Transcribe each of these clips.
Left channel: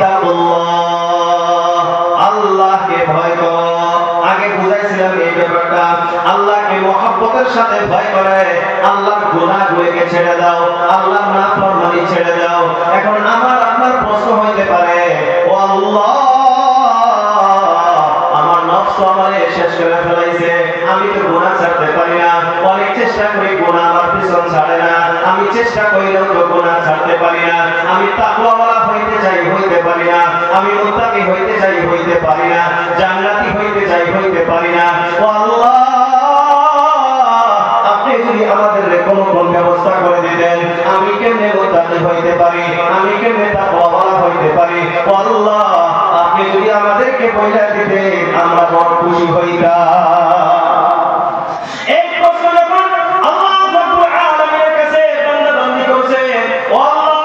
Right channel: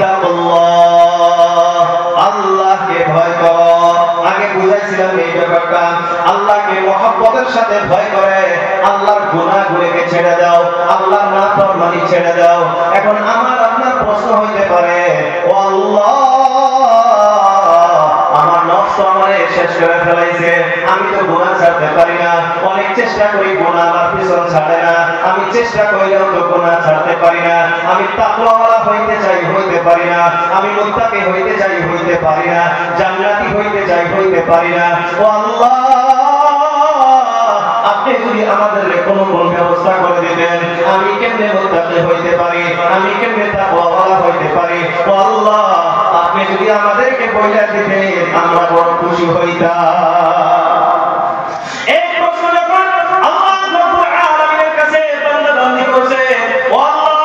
ইত্তাকুল্লাহ, আল্লাহকে ভয় করো। আগে বুঝাইছিলাম এই ব্যাপারটা, আল্লাহকে মহব্বতের সাথে ভয় করে আল্লাহর গুনাহগুলোকে ছেড়ে দাও, আল্লাহর নাফরমানি ছেড়ে দাও। এখন আমার আপনার প্রশ্ন হইতে পারে, ও আল্লাহ, আমার নফস আমারে শেষ করে ফেলাইছে, আমি তো গুনাহ ছাড়তে পারি না, অনেক চেষ্টা করি গুনাহ আমার পিছন ছাড়ে না, আমি চেষ্টা করিলেও তো গুনাহ ছাড়তে পারি না, আমি তাকওয়াওয়ালা হইতে চাই হইতে পারি না, আমি মুত্তাকি হইতে চাই হইতে পারি না, জান্নাতি হইতে চাই হইতে পারি না। ও আল্লাহ, আপনি যদি আমাদের কোনো ব্যবস্থা করে দিতেন, আমি কেমনে মুত্তাকি হইতে পারি, আমি কেমনে তাকওয়াওয়ালা হইতে পারি। ও আল্লাহ, আপনি যদি আমাদেরকে বইলা দিতেন, আমরা বড় খুশি হইতাম। এই প্রশ্ন যখন আল্লাহ রাব্বুল আলামিনের কাছে বান্দা বান্দি করছে, ও আল্লাহ,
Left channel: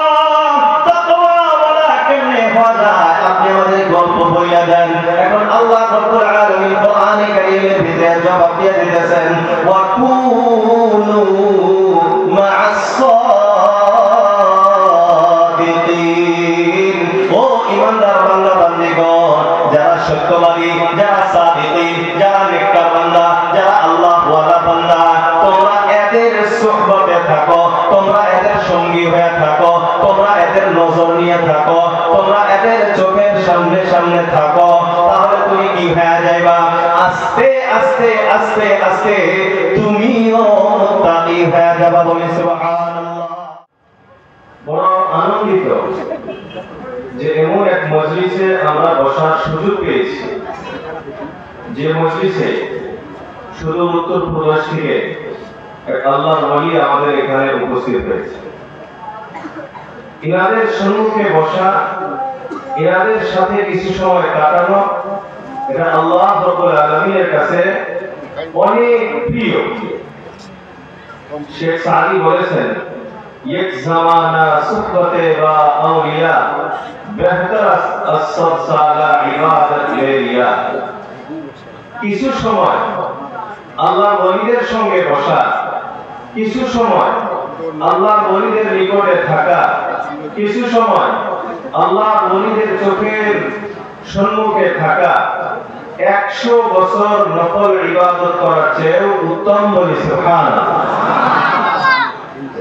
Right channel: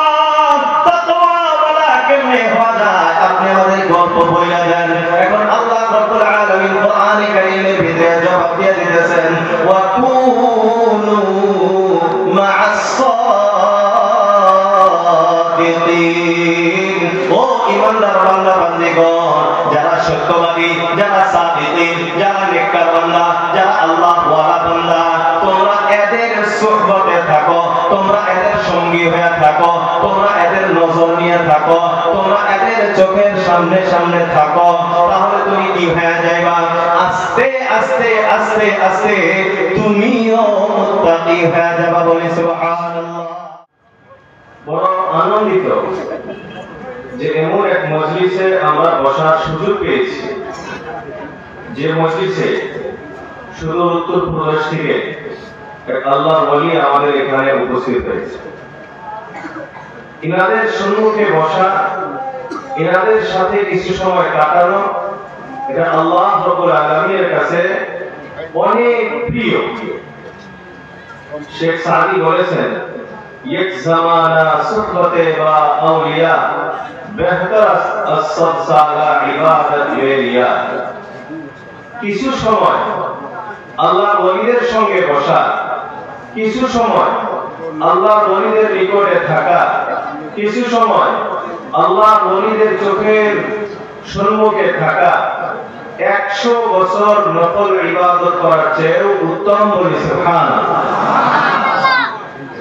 তাকওয়াওয়ালা কেমনে হওয়া যায়, আপনি আমাদের গল্প বইলা দেন। এখন আল্লাহ রাব্বুল আলামিন কোরআনে কারীমের ভিতরে জবাব দিয়ে দিতেছেন, ওয়া কুনু মা'আস সাদিকিন। ও ঈমানদার বান্দা বান্দিগণ, যারা সত্যবাদী, যারা সাদিকিন, যারা নেককার বান্দা, যারা আল্লাহ ওয়ালা বান্দা, তোমরা এদের সুহবতে থাকো, তোমরা এদের সঙ্গী হয়ে থাকো, তোমরা এদের নজর নিয়ে থাকো, তোমরা এদের চোখের সামনে সামনে থাকো, তাহলে তুমি কি হয়ে যাইবা, আস্তে আস্তে আস্তে আস্তে তুমিও মুত্তাকি হয়ে যাবা। বলি সুবহানাল্লাহ। বড় আনন্দিত যে এমন এক মজলিসে আমরা বসার সুযোগ পেয়েছি, যে মজলিসে শুধু উত্তর প্রদেশ থেকে এক আল্লাহর ওলি আমাদের এখানে উপস্থিত হয়েছে। ইনাদের সম্মুখে বসা, ইনাদের সাথে কিছু সময় কাটানো, এটা আল্লাহ রাব্বুল আলামিনের কাছে অনেক প্রিয়। শেখ সাদি বলেছেন, এক জামানা সুহবতে বা আউলিয়া বেহতর আস-সাদ সালা ইবাদত লিয়া। কিছু সময় আল্লাহর ওলিদের সঙ্গে বসা, কিছু সময় আল্লাহর ওলিদের নিকটে থাকা, কিছু সময় আল্লাহর ওলিদের চোখের সম্মুখে থাকা 100 বছর নফল ইবাদত করার চেয়েও উত্তম। বলি সুবহানাল্লাহ।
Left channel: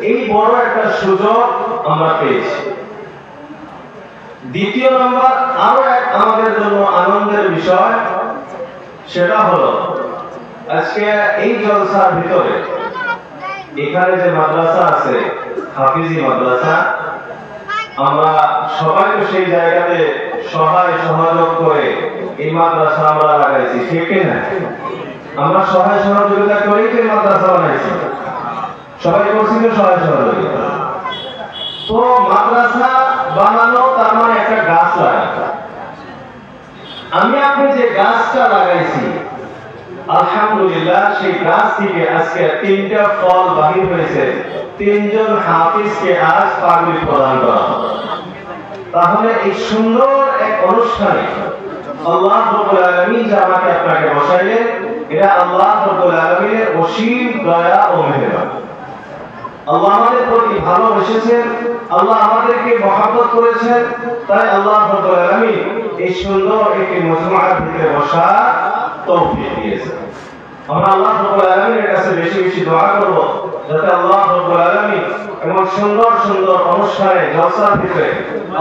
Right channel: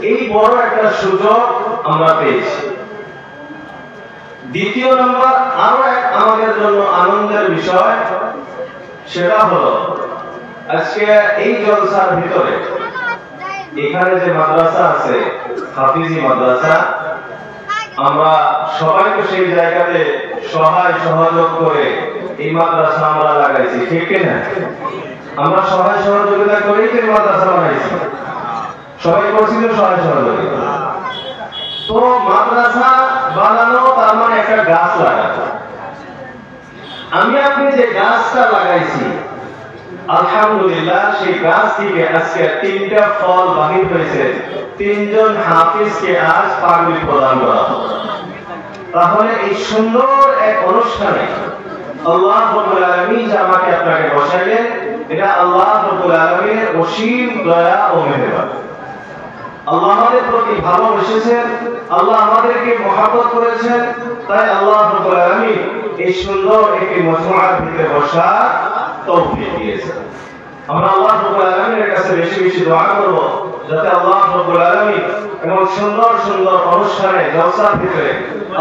এই বড় একটা সুযোগ আমরা পেয়েছি। দ্বিতীয় নম্বর, আরো এক আমাদের জন্য আনন্দের বিষয়, সেটা হলো আজকে এই জলসার ভিতরে এখানে যে মাদ্রাসা আছে, হাফিজি মাদ্রাসা, আমরা সবাই তো সেই জায়গাতে সহায় সহযোগ করে এই মাদ্রাসা আমরা লাগাইছি, ঠিক কিনা? আমরা সহায় সহযোগিতা করেই তো মাদ্রাসা বানাইছি, সবাই করছি তো সহায় সহযোগিতা। তো মাদ্রাসা বানানো তার মানে একটা গাছ লাগানো। আমি আপনি যে গাছটা লাগাইছি, আলহামদুলিল্লাহ, সেই গাছ থেকে আজকে 3টা ফল বাহির হয়েছে। 3জন হাফিজকে আজ পাগড়ি প্রদান করা। তাহলে এই সুন্দর এক অনুষ্ঠানে আল্লাহ রাব্বুল আলামিন যে আমাকে আপনাকে বসাইলেন, এটা আল্লাহ রাব্বুল আলামিনের অসীম দয়া ও মেহেরবানি। আল্লাহ আমাদের প্রতি ভালোবেসেছেন, আল্লাহ আমাদেরকে মহব্বত করেছেন, তাই আল্লাহ রাব্বুল আলামিন এই সুন্দর একটি মজমুআর ভিতরে বসার তৌফিক দিয়েছেন। আমরা আল্লাহ রাব্বুল আলামিনের কাছে বেশি বেশি দোয়া করব, যাতে আল্লাহ রাব্বুল আলামিন এমন সুন্দর সুন্দর অনুষ্ঠানে, জলসার ভিতরে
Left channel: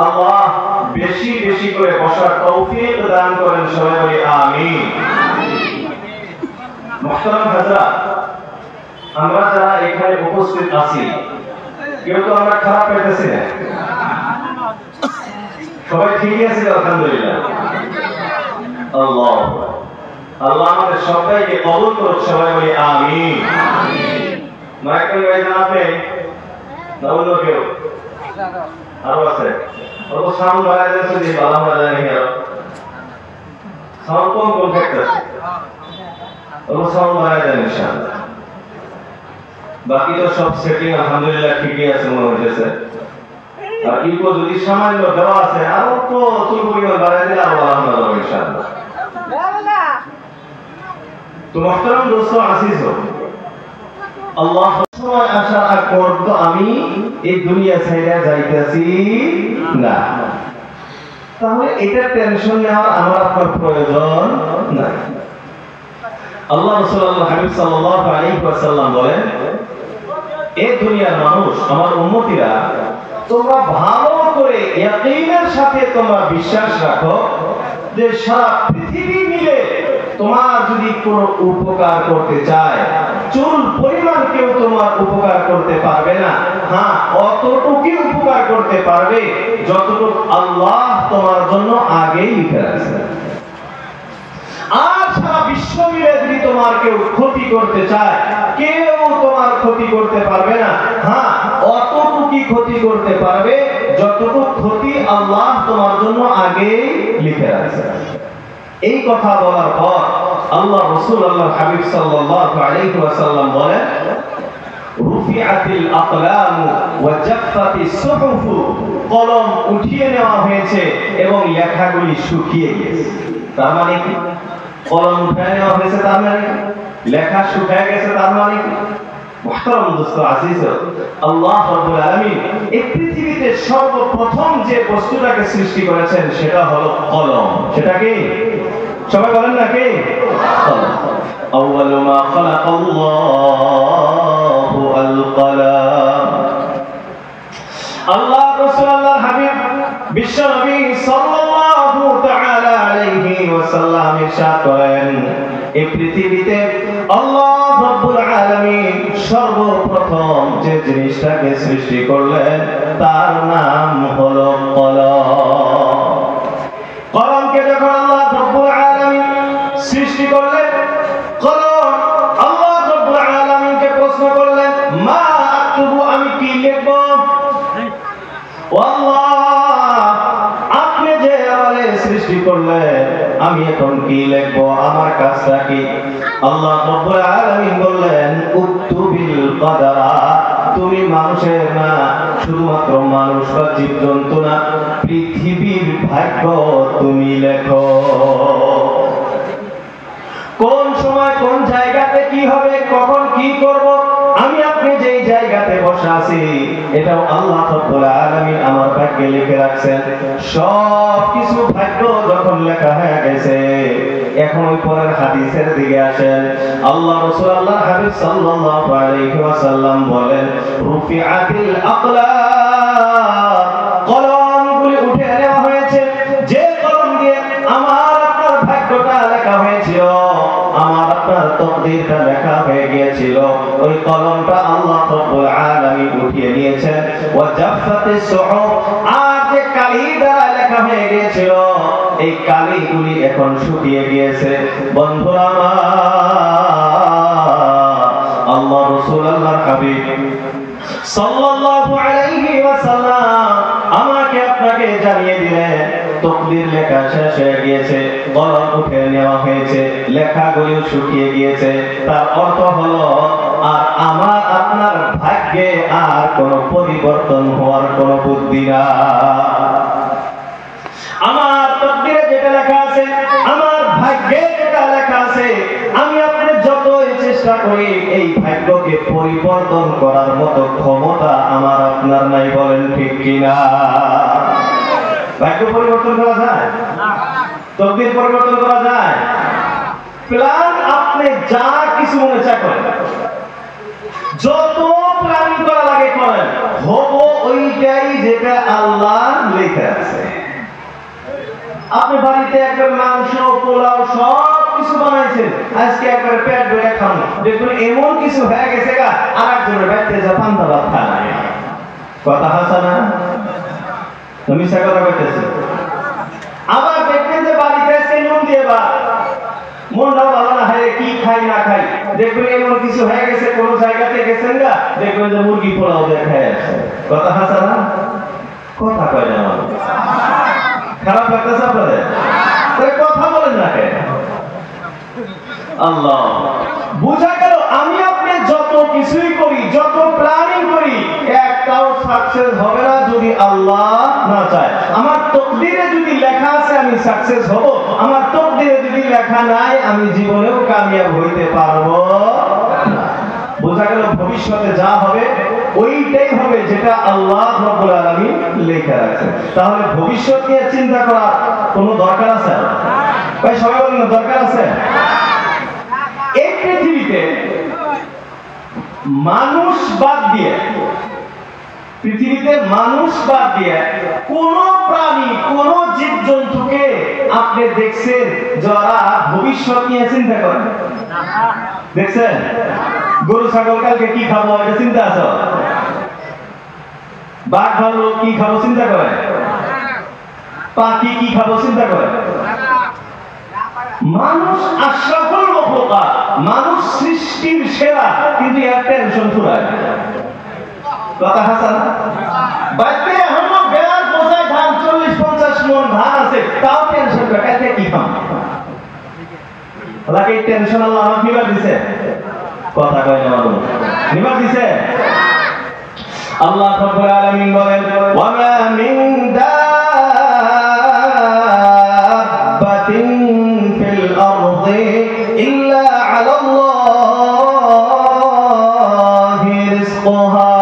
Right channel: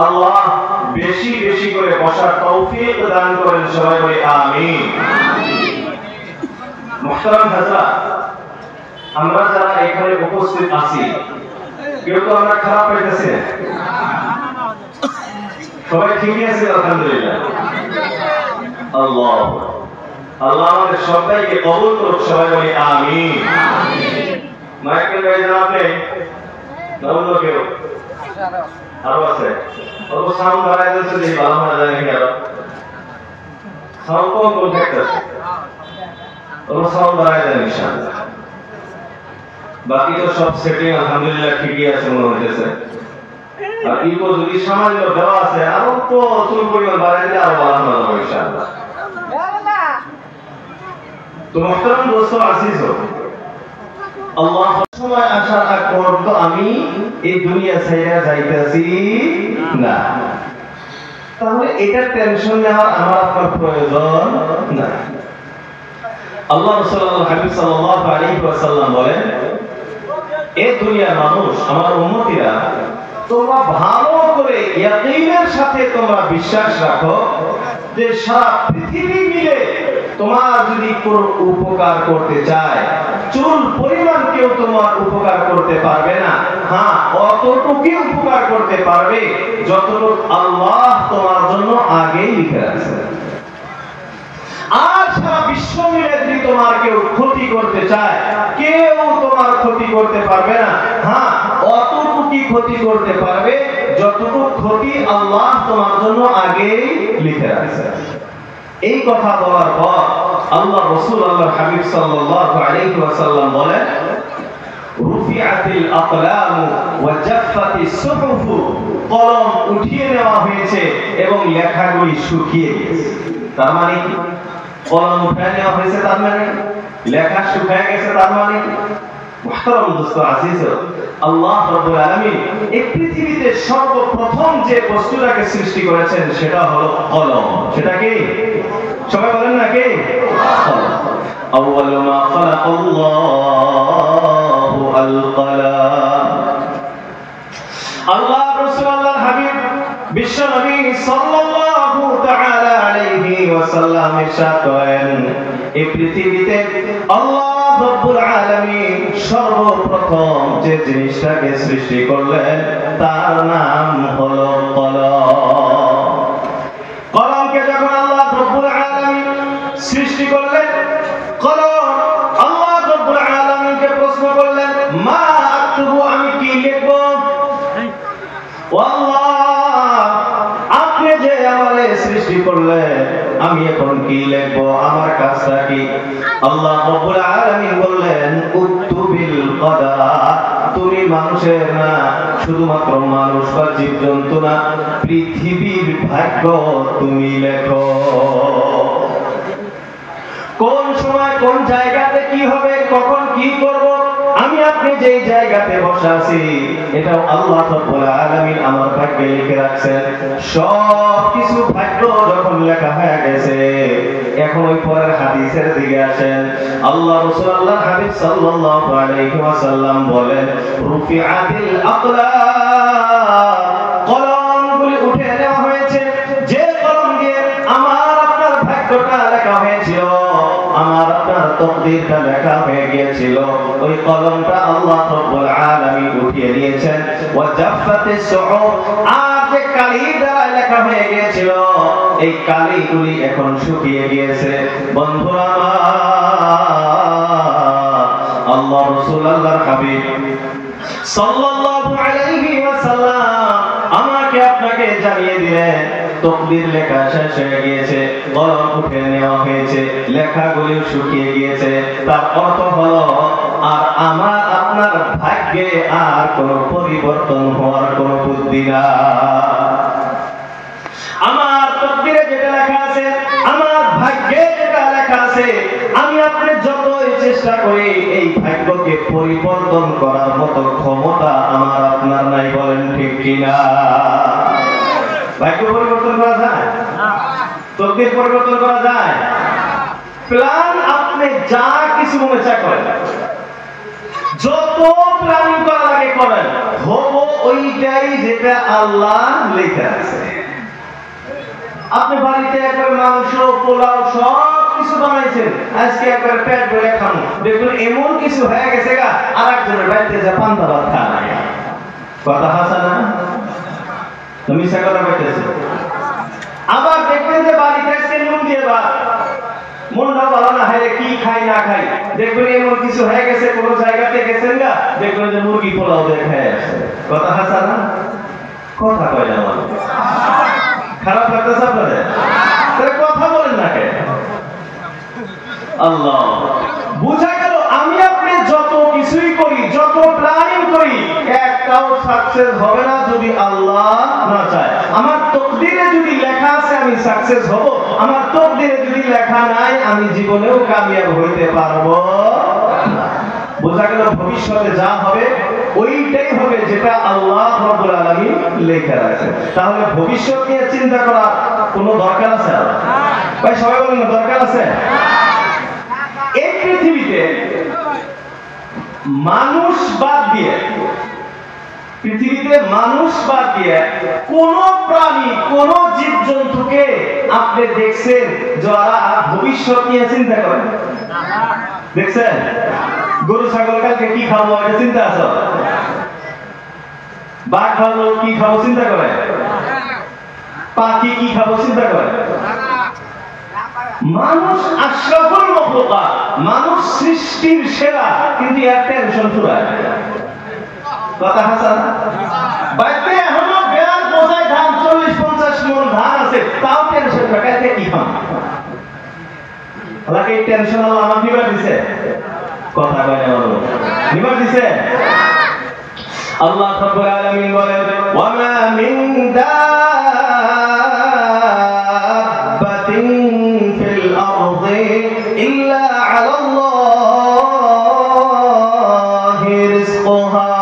আল্লাহ বেশি বেশি করে বসার তৌফিক দান করেন। সবাই বলি আমিন। মুহতারাম হাজরাত, আমরা যারা এখানে উপস্থিত আছি, কেউ তো আমরা খারাপ পেতেছি না, সবাই ঠিকই আছে আলহামদুলিল্লাহ। আল্লাহ আল্লাহ আমাদের সবাইকে কবুল করুক। সবাই বলি আমিন। মাইকেল গাইজ না আপনি অন্য কেউ আরো আছে, অত সাউন্ড বাড়াই দিয়েছে যে ভালো না যায় নাকি, আরো সাউন্ড কোন কোন থাকতেছে, অত সাউন্ড বাড়াই দেন ইনশাআল্লাহ। বাকি তো সব সেটিং আলহামদুলিল্লাহ ঠিকই আছে মনে হচ্ছে। আর ইকো যদি সামান্য দেওয়া আছে, আরো তো তুল পরিমাণ বাড়াই দিলে আরো ভালো হবে ইনশাআল্লাহ। তো মুহতারাম দোস্ত আজিজ, আল্লাহ সময় আসার আগ পর্যন্ত আমি এই দুনিয়া ছেড়ে যাইতেছি না। তাহলে এটা টেনশন নেওয়ার আমার আপনার প্রয়োজন নাই। আল্লাহ রাসূলুল্লাহ হাবিব সাল্লাল্লাহু আলাইহি ওয়াসাল্লাম বলেন, এই দুনিয়ার মানুষ, আমার উম্মতিরা, তোমরা ভালো করে ইয়াকিনের সাথে তোমরা বিশ্বাস রাখো যে সারা পৃথিবী মিলে তোমার যদি কোনো উপকার করতে চায়, চুল পরিমাণ কেউ তোমার উপকার করতে পারবে না। হ্যাঁ, অতটুকু উপকার করতে পারবে যতটুকু আল্লাহ তোমার জন্য আগেই লিখে রাখছেন। আর সারা বিশ্ব মিলে যদি তোমার কেউ ক্ষতি করতে চায়, কেউ তোমার ক্ষতি করতে পারবে না। হ্যাঁ, অতটুকু ক্ষতি করতে পারবে যতটুকু ক্ষতি আল্লাহ তোমার জন্য আগেই লিখে রাখছেন। এই কথা বলার পর আল্লাহ রাসূল আল্লাহর হাবিব সাল্লাল্লাহু আলাইহি ওয়াসাল্লাম বলেন, রুফিআতিল আকলাম ওয়া জাফফাতিস সুহুফ, কলম উঠিয়ে নেওয়া হয়েছে এবং লেখাগুলি শুকিয়ে গেছে। তার মানে কি? কলম উঠিয়ে নেওয়া হয়েছে তার মানে লেখা শুকিয়ে গেছে তার মানে কি? মুহতারাম দোস্ত আজিজ, আল্লাহ রাব্বুল আলামিন এই পৃথিবীতে সর্বপ্রথম যে বস্তুটাকে সৃষ্টি করেছেন সেটা হলো কলম। সেটা কি? সবাই বলেন না কে? কলম। আউয়ালু মা খালাকাল্লাহু আল কলম। আল্লাহ রাসূল আল্লাহর হাবিব বিশ্ব নবী সাল্লাল্লাহু তাআলা আলাইহি ওয়াসাল্লাম ইরশাদ করেন, এই পৃথিবীতে আল্লাহ রাব্বুল আলামিন সর্বপ্রথম যে জিনিসটাকে সৃষ্টি করলেন তার নাম হলো কলম। কলমকে যখন আল্লাহ রাব্বুল আলামিন সৃষ্টি করলেন, কলম আল্লাহ রাব্বুল আলামিনকে প্রশ্ন করলেন, মা আকতুবু, আমি কি লিখব? আল্লাহ, আপনি যে আমারে সৃষ্টি করলেন, আমি এখন কি লিখব? আমার কাজটা কি? আল্লাহ রাব্বুল আলামিন বললেন, উকতুবিল কদরা, তুমি মানুষের না, শুধুমাত্র মানুষ বা জীবজন্তু না, পৃথিবীর ভাগ্য তুমি লেখো। কোন সময় কোন জায়গাতে কি হবে, কখন কি করব, আমি আপনি যেই জায়গাতে বসে আছি এটাও আল্লাহ রাব্বুল আলামিন আমার ভাগ্যে লিখে রাখছেন। সব কিছু ভাগ্য যখন লেখা হয়ে গেছে, এখন ওই পরের হাদিসের দিকে আসেন। আল্লাহ রাসূল আল্লাহর হাবিব সাল্লাল্লাহু আলাইহি ওয়াসাল্লাম বলেন, রুফিআতিল আকলাম, কলমগুলি উঠে নেওয়া হয়েছে। যে কলম দিয়ে আমার আপনার ভাগ্যটা লেখা হয়েছিল, আমার আপনার তকদীরটা লেখা হয়ে গিয়েছিল, ওই কলমটা আল্লাহ রাব্বুল আলামিন উঠিয়ে নিয়েছেন। ওয়া জাফফাতিস সুহুফ, আর যে কালি দ্বারা লেখা হয়ে গিয়েছিল, এই কালিগুলি এখন শুকিয়ে গিয়েছে। বন্ধুরা আমার, আল্লাহ রাসূল আল্লাহর হাবিব সাল্লাল্লাহু আলাইহি ওয়াসাল্লাম আমাকে আপনাকে জানিয়ে দিলেন, তকদীর লেখা শেষ হয়ে গিয়েছে, কলম উঠে নেওয়া হয়েছে, লেখাগুলি শুকিয়ে গিয়েছে। তার অর্থ হলো আর আমার আপনার ভাগ্যে আর কোনো পরিবর্তন হওয়ার কোনো বুদ্ধি না। আমার তকদীরে যেটা লেখা আছে, আমার ভাগ্যে যেটা লেখা আছে, আমি আপনি যতই চেষ্টা করি এই ভাগ্যকে পরিবর্তন করার মতো ক্ষমতা আমার আপনার নাই। বলেন ঠিক কিনা? ভাগ্য পরিবর্তন করা যায়? তকদীর পরিবর্তন করা যায়? প্ল্যান আপনি যা কিছু মনে চায় করেন, যত প্ল্যানিং করা লাগে করেন, হবো ওইটাই যেটা আল্লাহ লিখে আছে। আপনি বাড়িতে একবার মাংস, পোলাও সব কিছু বানাইছেন, আজকে একবার পেট ভরে খান, দেখুন এমন কিছু হয়ে গেছে গা, আর একজনের বাড়িতে যা পান্তা ভাত খায়। কথা হাসা না? তুমি সাগর করতেছি। আবার দেখবেন যে বাড়িতে আজকে নুন দিয়ে ভাত, মনটা ভালো না হয়, কি খাই না খাই, দেখবেন এমন কিছু হয়ে গেছে, কোন জায়গাতে গেছেন গা, দেখবেন যে মুরগি পোলাও দিয়ে খেয়ে আসছে। কথা হাসা না? কথা কয় না? খারাপ লাগতেছে আপনাদের? কথা বলেন না কেন? আল্লাহ, বুঝা গেল আমি আপনি যত কিছুই করি, যত প্ল্যানিং করি, একটাও সাকসেস হবে না যদি আল্লাহ না চায়। আমার তকদিরে যদি লেখা আছে আমি সাকসেস হব, আমার তকদিরে যদি লেখা নাই আমি জীবনেও কামিয়াব হইতে পারবো না। বোঝা গেল ভবিষ্যতে যা হবে ওইটাই হবে যেটা আল্লাহ রাব্বুল আলামিন লেখা রাখছেন। তাহলে ভবিষ্যৎ নিয়ে চিন্তা করার কোনো দরকার আছে? ভাই সবাই বলেন না, দরকার আছে? এই পৃথিবীতে মানুষ বাদ দিয়ে কোন প্রাণী, কোন জীবজন্তুকে আপনি দেখছেন যারা ভবিষ্যৎ নিয়ে চিন্তা করেন? দেখছেন? গরু ছাগল কালকে কি খাবো এটা চিন্তা আছে? বাঘ ভাল্লুক কি খাবো চিন্তা করে? পাখি কি খাবো চিন্তা করে? মানুষ আশরাফুল মাখলুকাত, মানুষ সৃষ্টির সেরা, কিন্তু এর টেনশন ফুরায়। কথা হাসান? বাইতে এখনো বেড়ার বোঝায় ধান 40-50 মন ধান আছে, তাও টেনশন কাটাইতে কি খাম? আল্লাহকে এই টেনশন আল্লাহ আমাকে নিবার দিছে? কথা কয় না মানুষ, নিবার দিছে? আল্লাহ রাব্বুল আলামিন বলেন, ওয়া মা মিন দাব্বাতিন ফিল আরদি ইল্লা আলাল্লাহি রিজকুহা।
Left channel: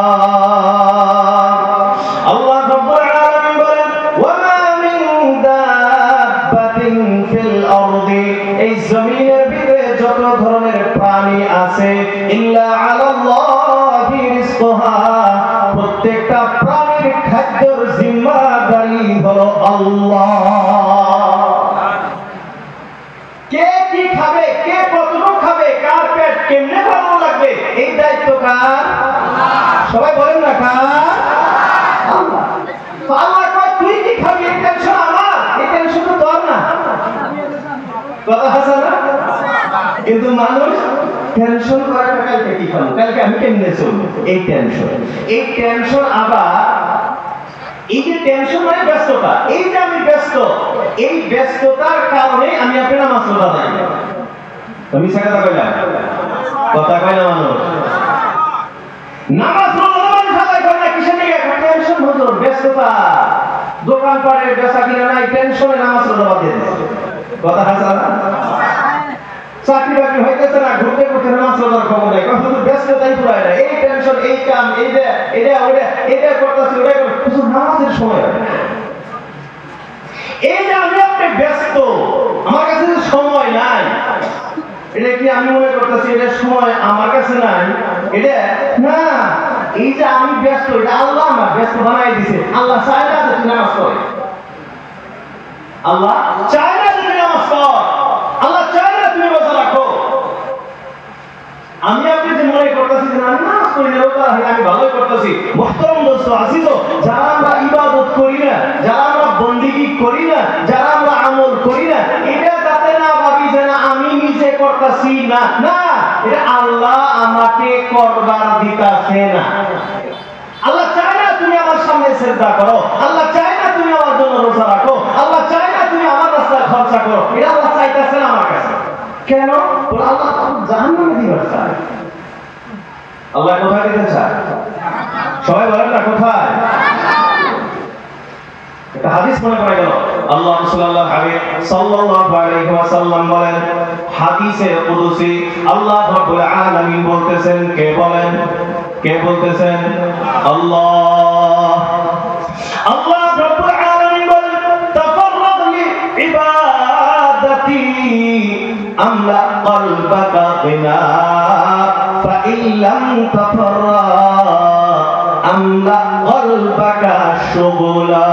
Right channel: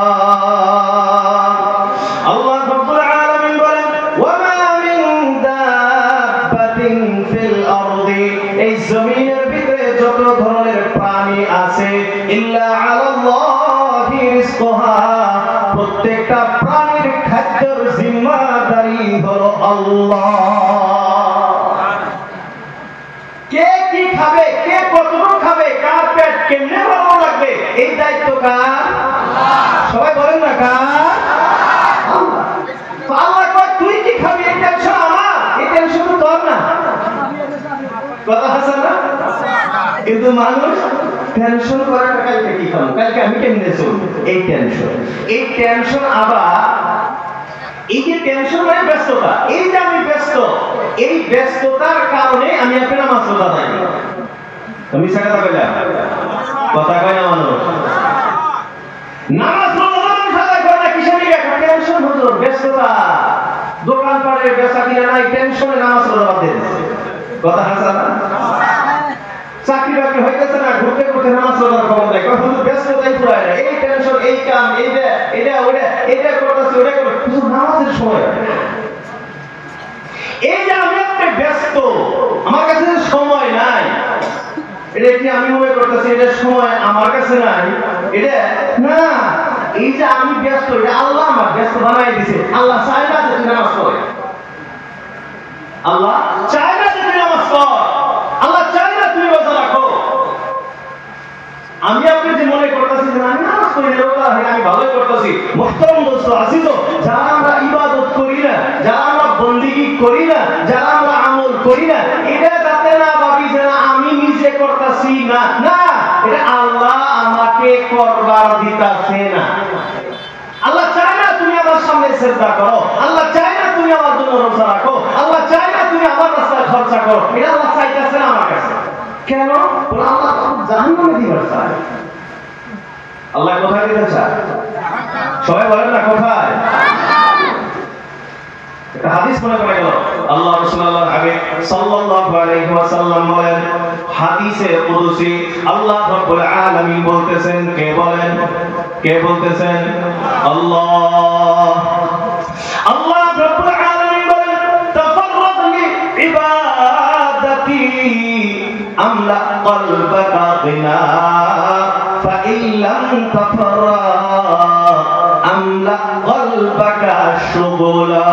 আল্লাহ রাব্বুল আলামিন বলেন, ওয়া মা মিন দাব্বাতিন ফিল আরদি, এই জমিনের ভিতরে যত ধরনের প্রাণী আছে, ইল্লা আলাল্লাহি রিজকুহা, প্রত্যেকটা প্রাণীর খাদ্যের জিম্মাদারি হলো আল্লাহ। কে কি খাবে, কে কতটুকু খাবে, কার পেট কেমনে ভালো লাগবে, এই দায়িত্ব কার? সবাই বলেন না, কার? আল্লাহ। তো আল্লাহ কয় তুই কি খাবি এই টেনশন আমার, এই টেনশন তো তোর না। কথা আছে না? কিন্তু মানুষ টেনশন করে কালকে কি খাবো, কালকে আমি কেমনে চলবো, এই টেনশন। আবার এই যে টেনশন মানে ব্যস্ততা, এই যে আমি ব্যস্ত, এই ব্যস্ততার কারণে আমি আপনার নামাজ পড়া যাই। তুমি কথা কইলা, কথা কয় না মানুষ। নামাজ পড়া সবাই করে কিসের দিকে? টেনশন হতো, ব্যস্ততা, দোকান পাটে বেচা কিনা নাই, টেনশনে নামাজ পড়া বাদ দিয়ে দিচ্ছে। কথা আছে না? চাকরি বাকরি হইতেছে না, ঘুরতে ঘুরতে নামাজ পড়ার খবর নেই, শুধু ব্যস্ততাই পুরায় না, এই টেনশন, এই কাম, এটা করতেছি, ওটা করতেছি, শুধু নামাজের সময়। এই যে আমি আপনি ব্যস্ত, আমার কাছে যে সময় নাই, এটা কি আমি মনে করতেছি এটা সময় আমার কাছে নাই? এটা না, এই যে আমি ব্যস্ত, এটা আল্লাহ আমার ব্যস্ত বানাই দিছে। আল্লাহ চায় না যে তুমি নামাজ পড়ে, আল্লাহ চায় না যে তুমি নামাজ পড়, আল্লাহ চায় না তুমি রোজা রাখো। আমি আপনি যে মনে করতেছি যে আমি নামাজ পড়ি না, রোজা রাখি, আমি ভালোই করতেছি। মুহতারাম দোস্ত আজিজ, যারা আমরা ইবাদত করি না, যারা আমরা বন্দেগী করি না, যারা আমরা আমল করি না, এটা যাতে না ভাবি যে আমি নিজে করতেছি না, না, এটা আল্লাহ আমাকে করবার দিতাছে না। আল্লাহ চায় না তুমি আমার সামনে সিজদা করো, আল্লাহ চায় না তুমি আমার জন্য রোজা রাখো, আল্লাহ চায় না তুমি আমার রাস্তায় খরচা করো, এটা আল্লাহ চাইতেছে না আমার কাছে। কেন? আল্লাহ জাহান্নামে দিবার চায়। আল্লাহ কোথায় দিতে চায়? সবাই বলেন না, কোথায়? একটা হাদিস মনে পড়ে গেল, আল্লাহ রাসূলুল্লাহ হাবিব সাল্লাল্লাহু আলাইহি ওয়াসাল্লাম বলেন, হাদিসে কুদসি, আল্লাহ রাব্বুল আলামিন বলতেছেন, কে বলেন? কে বলতেছেন? আল্লাহ। আল্লাহ রাব্বুল আলামিন বলেন, তাফাররাদ লি ইবাদাতি আমলা কলবাকা গিনা ফাইন লাম তাফাররাদ আমলা কলবাকা শুগুলা,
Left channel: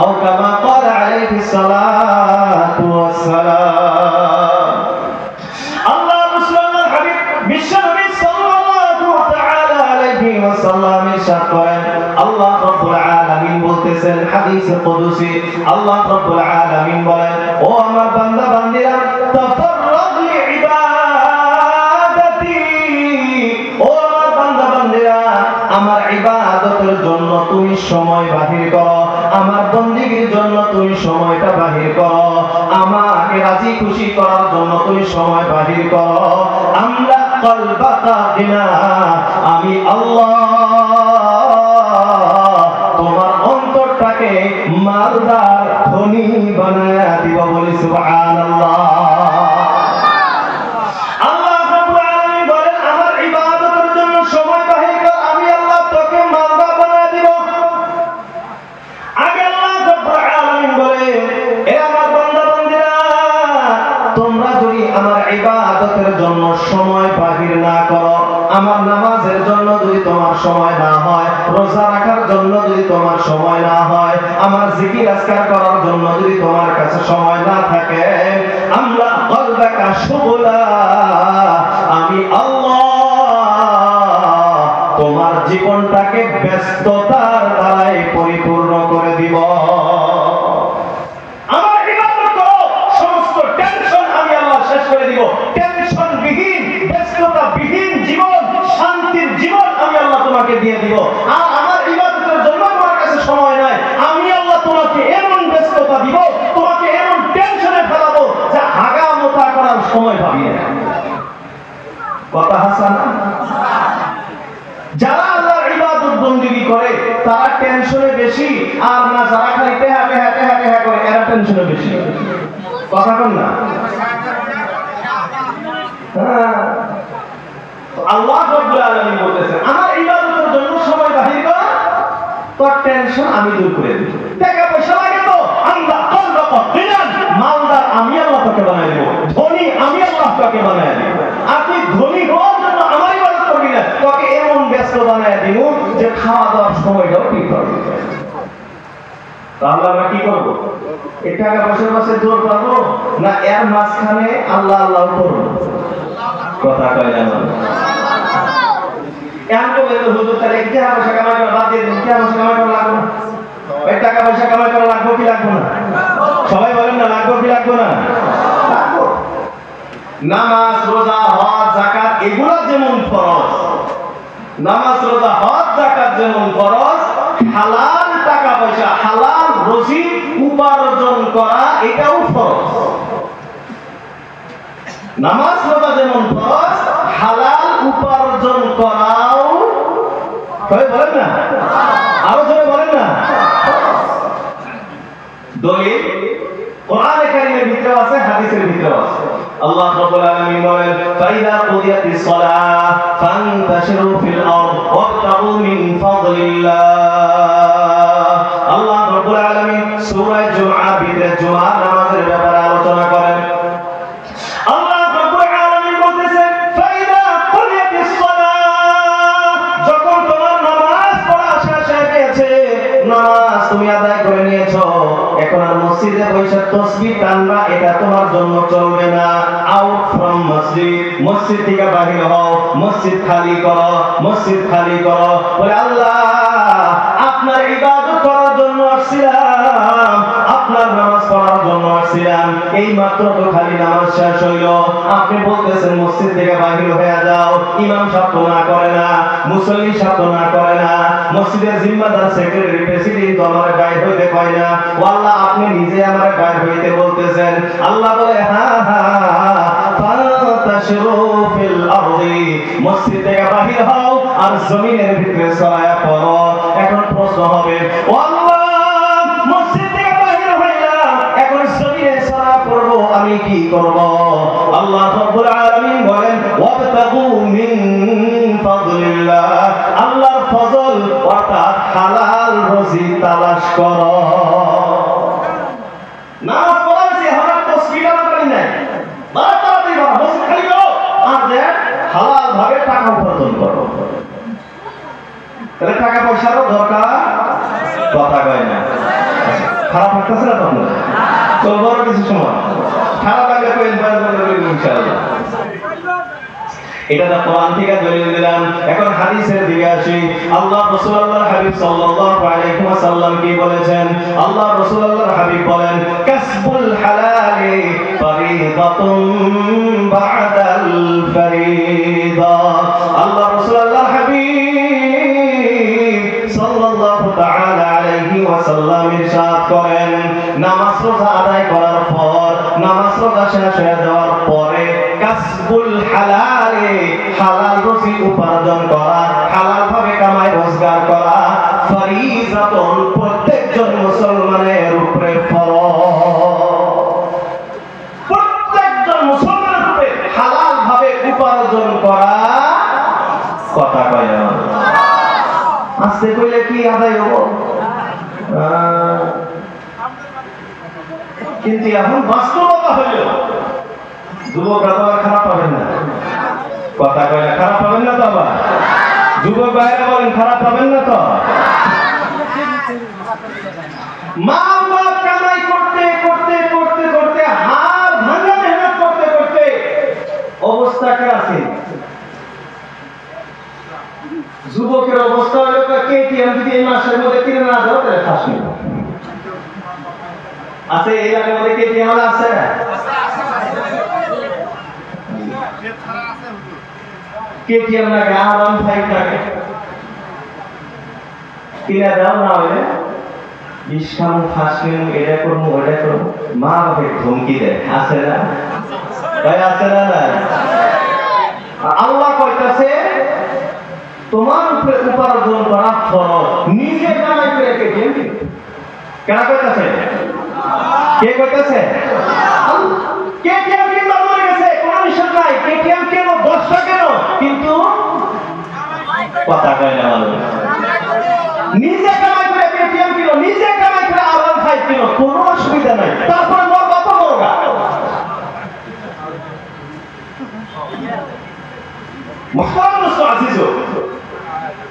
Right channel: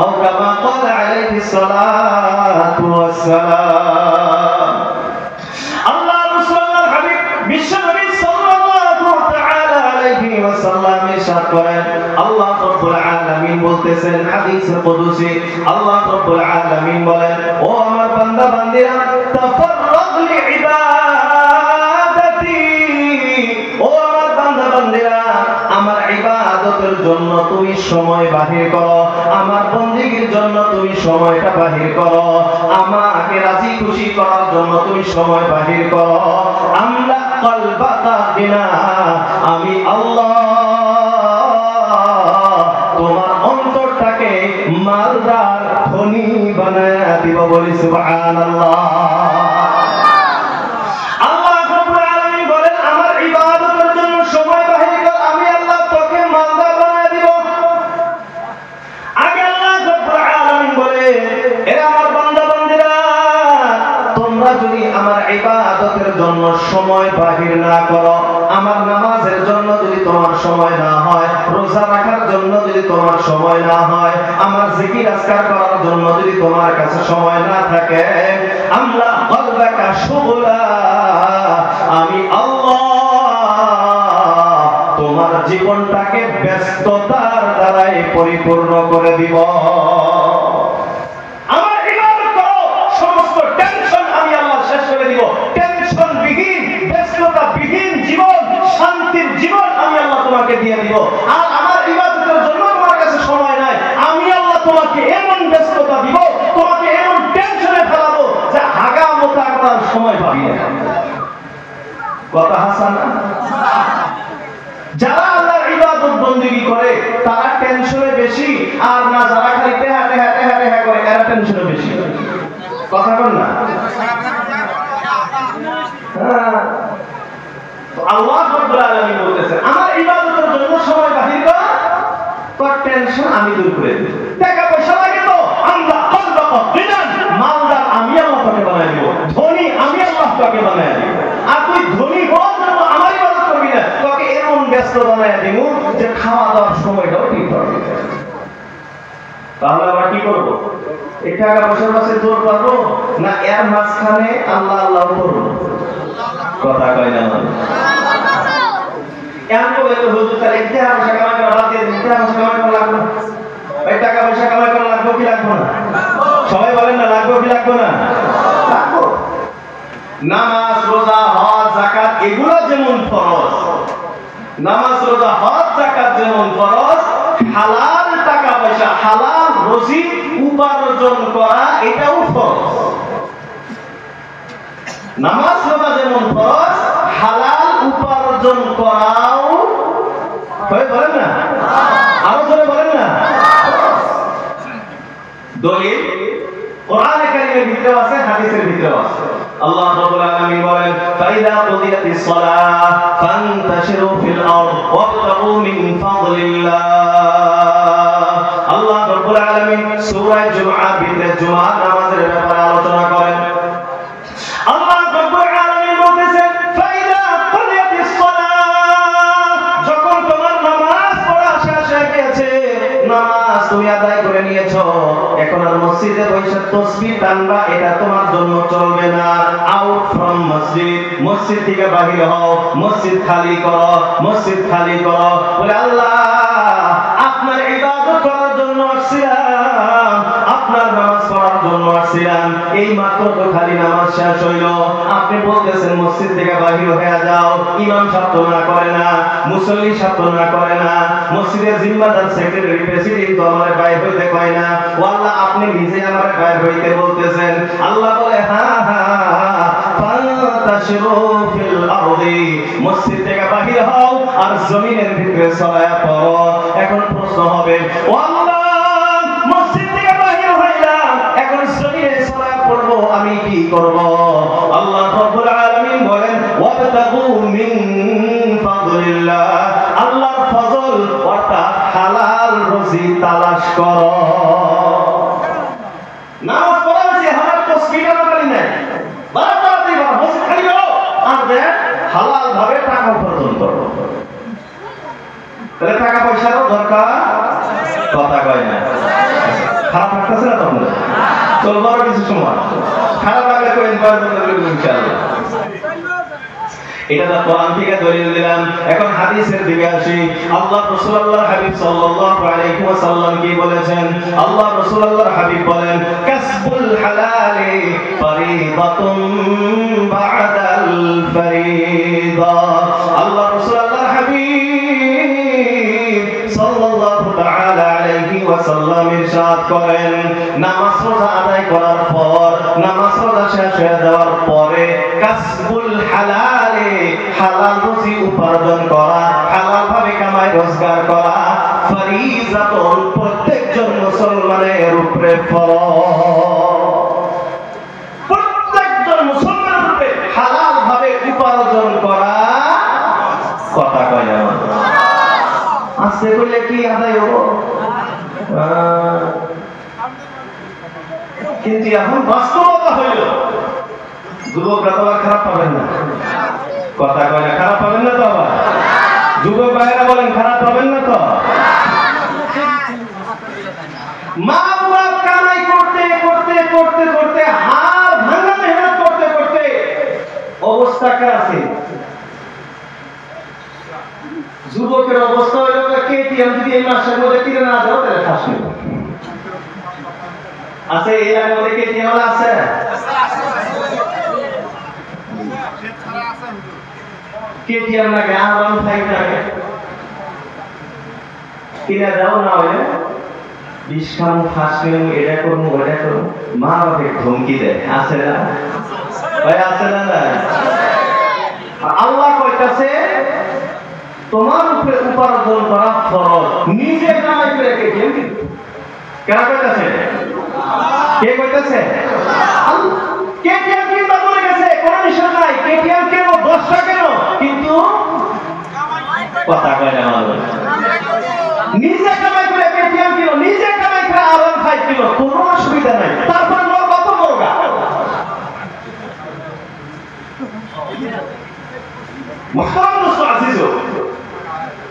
আও কামা ক্বালা আলাইহিস সালাতু ওয়াস সালাম। আল্লাহ রাসূলুল্লাহ হাবিব বিশ্বনবী সাল্লাল্লাহু তাআলা আলাইহি ওয়াসাল্লাম ইরশাদ করেন, আল্লাহ রাব্বুল আলামিন বলতেছেন হাদিসে কুদসি, আল্লাহ রাব্বুল আলামিন বলেন, ও আমার বান্দা বান্দীরা, তাফাররাগ লি ইবাদাতি, ও আমার বান্দা বান্দীরা, আমার ইবাদতের জন্য তুমি সময় বাহির করো, আমার বন্দেগীর জন্য তুমি সময়টা বাহির করো, আমাকে রাজি খুশি করার জন্য তুমি সময় বাহির করো। আমলা কলবাকা গিনা, আমি আল্লাহ তোমার অন্তরটাকে মালদার ধনী বানায় দিব, বলি সুবহানাল্লাহ। আল্লাহ রাব্বুল আলামিন বলেন, আমার ইবাদতের জন্য সময় বাহির কর, আমি তোমরা যদি আমার ইবাদতের জন্য সময় বাহির না করো, আমার নামাজের জন্য যদি তোমার সময় না হয়, রোজা রাখার জন্য যদি তোমার সময় না হয়, আমার জিকির আজকার করার জন্য যদি তোমার কাছে সময় না থাকে, আমরা কলবাকা শুগলা, আমি আল্লাহ তোমার জীবনটাকে ব্যস্ততার দ্বারাই পরিপূর্ণ করে দিব। আমার ইবাদত করো, সমস্ত টেনশন আমি আল্লাহ শেষ করে দিব। টেনশন বিহীন, ব্যস্ততা বিহীন জীবন, শান্তির জীবন আমি আল্লাহ তোমাকে দিয়ে দিব। আর আমার ইবাদতের জন্য তোমার কাছে সময় নাই, আমি আল্লাহ তোমাকে এমন ব্যস্ততা দিব, তোমাকে এমন টেনশনে ফেলাবো যে হাগা মোটা করার সময় পাবি না। কথা হাসান না? যারা আল্লাহর ইবাদত বন্দেগী করে তারা টেনশনে বেশি, আর না যারা খালি টেহা টেহা টেহা টেহা করে এরা টেনশনে বেশি। কথা বল না? আল্লাহ রাব্বুল আলামিন বলতেছেন, আমার ইবাদতের জন্য সময় বাহির কর, তোর টেনশন আমি দূর করে দেব। টাকা পয়সা লাগে তো আল্লাহ কলবাকা বিনান, মালদার আমি আল্লাহ তোকে বানাই দেব, ধনী আমি আল্লাহ তোকে বানাই দেব। আর তুই ধনী হওয়ার জন্য আমার ইবাদত করবি না, তোকে এমন ব্যস্ত বানাই দেব যে খাওয়া দাওয়ার সময়টাও ঠিক করবি। তাহলে আবার কি করবো? এই টাকা পয়সার পাশে জোর পাবো না এর মাঝখানে আল্লাহ আল্লাহ করবো? কথা কয় না এমন বলে তো হুজুর তাহলে টাকা পয়সা কামাই করা বাদ দিয়ে দিন, টাকা পয়সা কামাই করা লাগবে না। ওই টাকা পয়সা কামাই করা লাগবে কি লাগবে না? সবাই বলেন না, লাগবে কি লাগবে না? লাগবে। নামাজ, রোজা, হজ, যাকাত এগুলো যেমন ফরজ, নামাজ, রোজা, হজ, যাকাত যেমন ফরজ, হালাল টাকা পয়সা, হালাল রুজি উপার্জন করা এটাও ফরজ। নামাজ, রোজা যেমন ফরজ, হালাল উপার্জন করাও, সবাই বলেন না, আরো জোরে বলেন না। দলিল কোরআনে কারীমের ভিতরে আছে, হাদিসের ভিতরে আছে। আল্লাহ রাব্বুল আলামিন বলেন, ফাইদা কুদিয়াতিস সালাহ ফান্তাশিরু ফিল আরদ ওয়াবতাগু মিন ফাদলিল্লাহ। আল্লাহ রাব্বুল আলামিন সূরা জুমআ ভিতরে জুমার নামাজের ব্যাপারে আলোচনা করেন। আল্লাহ রাব্বুল আলামিন বলতেছেন, ফাইদা কুদিয়াতিস সালাহ, যখন তোমার নামাজ পড়া শেষ হয়ে গেছে, নামাজ তুমি আদায় করে নিয়েছো, এখন আর মসজিদে বসে তাসবিহ টানবা এটা তোমার জন্য চলবে না। আউট ফ্রম মসজিদ, মসজিদ থেকে বাহির হও, মসজিদ খালি করো, মসজিদ খালি করো। বলে আল্লাহ আপনার ইবাদত করার জন্য আসছিলাম, আপনার নামাজ পড়ার জন্য আসছিলাম, এই মাত্র তো খালি নামাজ শেষ হইল, আপনি বলতেছেন মসজিদ থেকে বাহির হয়ে যাও। ইমাম সাহেব তো না করে না, মুসল্লি সাহেব তো না করে না, মসজিদের জিম্মাদার সেক্রেটারি প্রেসিডেন্ট আমারে বাইর হইতে কয় না, আল্লাহ আপনি নিজে আমারে বাইর হইতে বলতেছেন। আল্লাহ বলে হ্যাঁ হ্যাঁ, ফান্তাশিরু ফিল আরদি, মসজিদ থেকে বাহির হও আর জমিনের ভিতরে ছড়ায়া পড়ো। এখন প্রশ্ন হবে, ও আল্লাহ মসজিদ থেকে বাহির হইলাম, এখন জমিনে ছড়ায়া পড়বো, আমি কি করব? আল্লাহ রাব্বুল আলামিন বলেন, ওয়াবতাগু মিন ফাদলিল্লাহ, আল্লাহর ফজল অর্থাৎ হালাল রুজি তালাশ করো। নামাজ পড়াচ্ছি, এখন তো স্পিডার বাড়ি নাই, বাড়াতাড়ি বাড়া, মসজিদ খালি করো আর দেন হালাল ভাবে টাকা উপার্জন করো। তাহলে টাকা পয়সারও দরকার, কথা কয় না। খারাপ লাগতেছে না তখন? চলবো আরো কিছু সময়, খারাপ লাগলে তো ইনশাআল্লাহ। এটা তো কোরআন থেকে দলিল দিলাম। এখন হাদিসের দিকে আসি। আল্লাহ রাসূলুল্লাহ হাবিব সাল্লাল্লাহু আলাইহি ওয়াসাল্লাম কি বলেছেন? আল্লাহ রাসূলুল্লাহ হাবিব বলেন, কাসবুল হালালি ফরিদাতুন বা'দাল ফরিদা। আল্লাহ রাসূলুল্লাহ হাবিব সাল্লাল্লাহু তাআলা আলাইহি ওয়াসাল্লাম ইরশাদ করেন, নামাজ রোজা আদায় করার পর, নামাজ রোজা শেষ হয়ে যাওয়ার পরে কাসবুল হালালি, হালাল রুজি উপার্জন করা, হালাল ভাবে কামাই রোজগার করা, ফরিজাতুন, প্রত্যেকজন মুসলমানের উপরে ফরজ। প্রত্যেকজন মুসলমানের উপরে হালাল ভাবে উপার্জন করা, কথা কয় না। আস্তে কইলে কি আদায় হবো? কিন্তু এখন বাস্তবতা হইল যুবকরা তো আর খারাপ পাবেন না, কথা কয় না, খারাপ পাবেন না তো? আবার যুবক ভাইরা বলেন খারাপ পাবেন না তো? মা বাবা কামাই করতে করতে করতে করতে হাড় ভাঙা মেহনত করতে করতে অবস্থা কে আছে? যুবকের অবস্থা হলো কেটিএম যদি এই মাসের মধ্যে কিনে না দাও তাহলে ফাঁস নেব আছে। এই এলাকার মধ্যে কেটিএম আছে না? কেটিএম লাগে R15 লাগে কিনে দাও না হলে ইসকাম ফাঁসিম এটা করবো ওটা করবো, মা বাপে ধমকি দেয়, আছে না ভাই? আছে না? আল্লাহ কইতাছে তোমার উপরে উপার্জন করা ফরজ, নিজে কামাই করে কে দিবে? কেন কইতাছে? কে কইতাছে? কেটিএম কিনবা বলে গেছে, কোন নিষেধ নাই, কেটিএম কেন 10টা কেন, কিন্তু কথা কয় না মানুষ। নিজে কামাই করে কেটিএম কিনো, নিজে কামাই করে R15 কিনো, কোনো অসুবিধা নাই। তারপর মোর কত মোরগা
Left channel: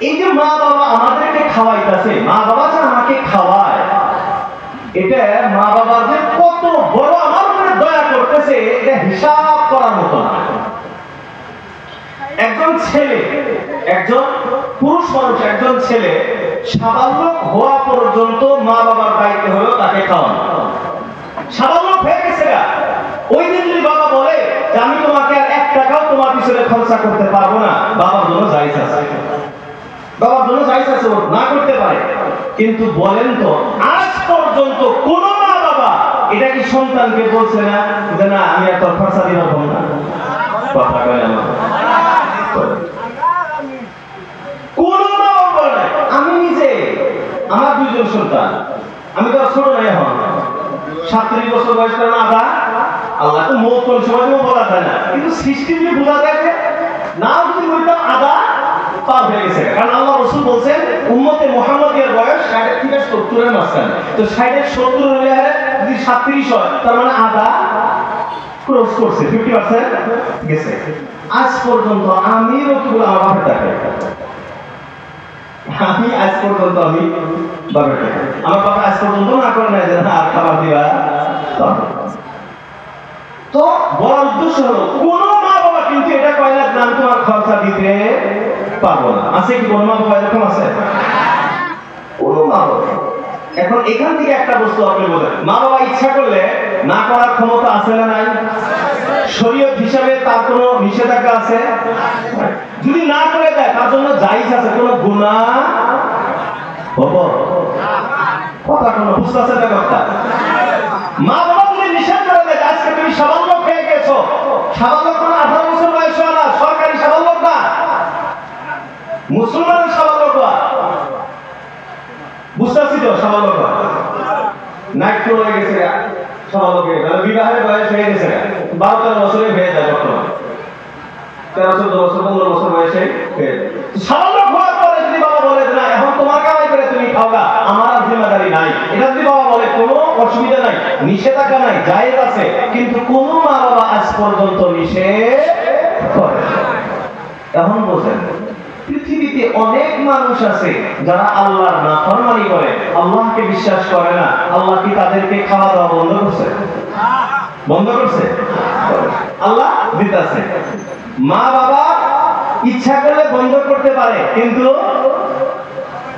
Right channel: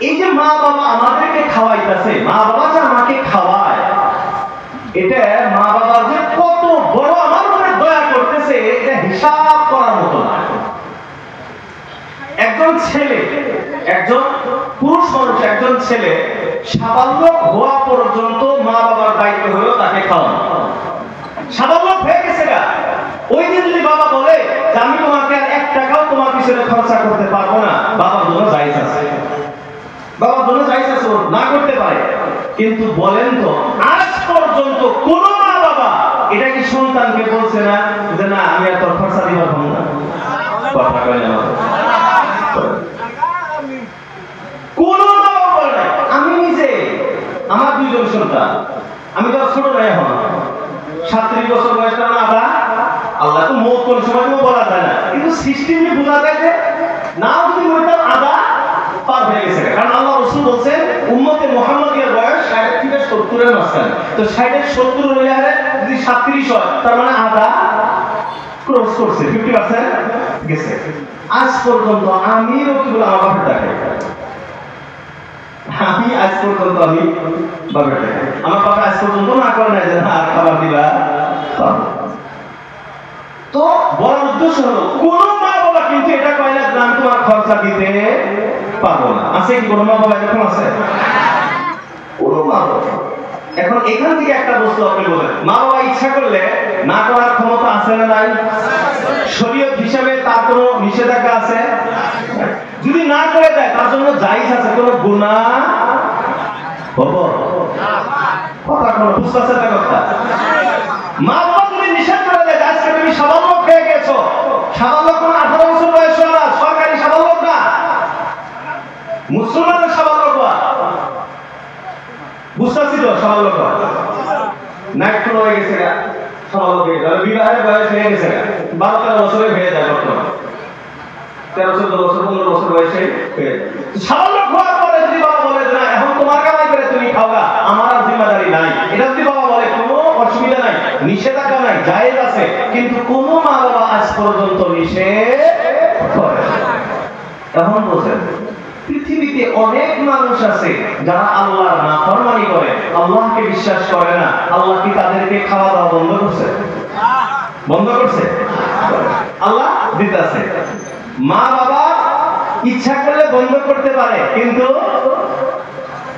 এই যে মা বাবা আমাদেরকে খাওয়াইতেছে, মা বাবা যে আমাকে খাওয়ায়, এটা মা বাবা যে কত বড় আমার উপরে দয়া করতেছে এটা হিসাব করার মতো না। একজন ছেলে, একজন পুরুষ মানুষ, একজন ছেলে সাবালক হওয়া পর্যন্ত মা বাবার দায়িত্ব হলো তাকে খাওয়ানো। সাবালক হয়ে গেছে গা, ওই দিন যদি বাবা বলে যে আমি তোমাকে আর 1 টাকাও তোমার পিছনে খরচা করতে পারবো না, বাবার জন্য জায়েজ আছে, বাবার জন্য জায়েজ আছে, না করতে পারে। কিন্তু বলেন তো আজ পর্যন্ত কোন মা বাবা এটা কি সন্তানকে বলছে না যে না আমি আর তোর খরচা দিবার পাবো না? কথা কয় না? কোন মা বাবা বলে না। আমি নিজে, আমার 2 জন সন্তান, আমি তো ছোট নাই, এখন 37 বছর বয়স না আদা, আল্লাহ তো মত কোন সময় বলা যায় না, কিন্তু সিস্টেম কি বোঝা যায় যে নাও যদি বলতাম আদা পার হয়ে গেছে। কারণ আল্লাহ রাসূল বলেন উম্মতে মুহাম্মাদিয়ার বয়স 60 থেকে 70 এর মাঝখানে, তো 60 এর 70 হইলে যদি 37 হয় তার মানে আদা ক্রস করছে, 50% গেছে। আজ পর্যন্ত আমি রকিবুল আমার বাপের টাকা, আমি আজ পর্যন্ত আমি বাপের টাকা, আমার বাবা আজ পর্যন্ত না করে নাই যে না খাবার দিবা। তো বড় উদ্দেশ্য হলো কোন মা বাবা কিন্তু এটা কয় না যে আমি তোমার খরচা দিতে পারবো না। আছে কি কোন মা বাবা এরকম আছে? কোন মা বাবা। এখন এখান থেকে একটা বস্তু আপনি বলেন, মা বাবা ইচ্ছা করলে না করার ক্ষমতা আছে না নাই? শরীয়ত হিসাবে তার কোনো নিষেধাজ্ঞা আছে? যদি না করে দেয় তার জন্য জায়েজ আছে, কোনো গুনাহ হবে? কথা কোনো বুঝতেছে না কথা? মা বাবা যদি নিষেধ করে দেয় আজকে তুমি সাবালক হয়ে গেছো, সাবালক কোনো 18 বছর বয়স না, সরকারি সাবালক না, মুসলমানের সাবালক হওয়া, বুঝতেছি তো? সাবালক নাইট্রো হয়ে গেছে, সাবালক হয়ে গেছে, বিবাহের বয়স হয়ে গেছে 12-13 বছরে হয়ে যায়, বর্তমানে 13-14 বছর 15 বছর বয়সে সাবালক হওয়ার পরে যদি বাবা বলে না এখন তোমার কামাই করে তুমি খাওয়া, আমার আর জিম্মাদারি নাই, এটা যদি বাবা বলে কোনো অসুবিধা নাই, নিষেধাজ্ঞা নাই, জায়েজ আছে, কিন্তু কোন মা বাবা আজ পর্যন্ত নিষেধ করে। এখন বোঝেন পৃথিবীতে অনেক মানুষ আছে যারা আল্লাহর নাফরমানি করে, আল্লাহকে বিশ্বাস করে না। আল্লাহ কি তাদেরকে খাওয়া দাওয়া বন্ধ করছে? বন্ধ করছে? আল্লাহ দিতেছে। মা বাবা ইচ্ছা করলে বন্ধ করতে পারে, কিন্তু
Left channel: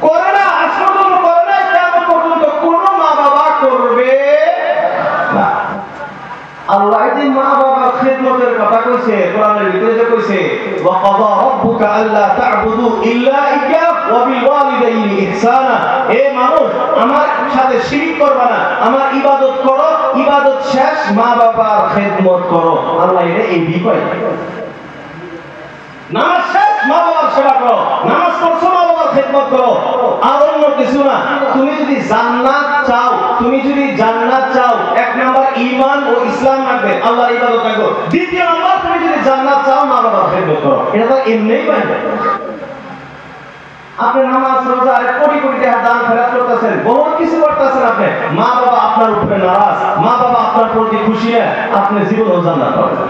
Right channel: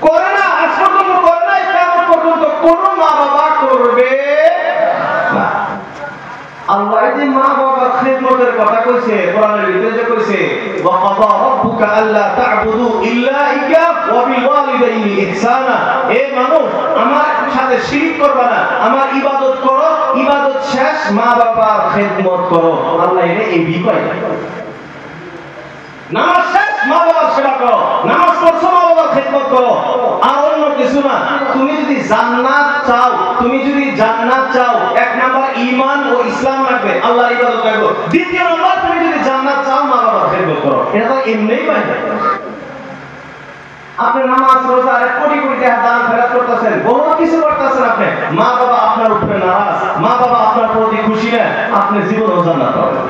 করে না, আজ পর্যন্ত করে না, কিয়ামত পর্যন্ত কোন মা বাবা করবে না। আল্লাহ যে মা বাবার খিদমতের কথা কইছে কোরআনের ভিতরে, যে কইছে ওয়া কাদা রাব্বুকা আল্লা তা'বুদু ইল্লা ইয়্যা ওয়া বিল ওয়ালিদাইনি ইহসানা, এ মানুষ আমার সাথে শিরক করবা না, আমার ইবাদত করো, ইবাদত শেষ মা বাবার খিদমত করো। আল্লাহ এটা এই বিষয়, নামাজ শেষ মা বাবার সেবা করো, নামাজ পড়ছো মা বাবার খিদমত করো, আর অন্য কিছু না। তুমি যদি জান্নাত চাও, তুমি যদি জান্নাত চাও, 1 নাম্বার ঈমান ও ইসলাম রাখবে, আল্লাহর ইবাদত রাখো। 2 নাম্বার তুমি যদি জান্নাত চাও মা বাবার খিদমত করো। এটা তো এমনিই পাই না। আপনি নামাজ রোজা কোটি কোটি টাকা দান খরচ করতেছেন, বড় কিছু করতেছেন, আপনি মা বাবা আপনার উপরে নারাজ, মা বাবা আপনার প্রতি খুশি না, আপনি জীবন জান্নাত পাবেন।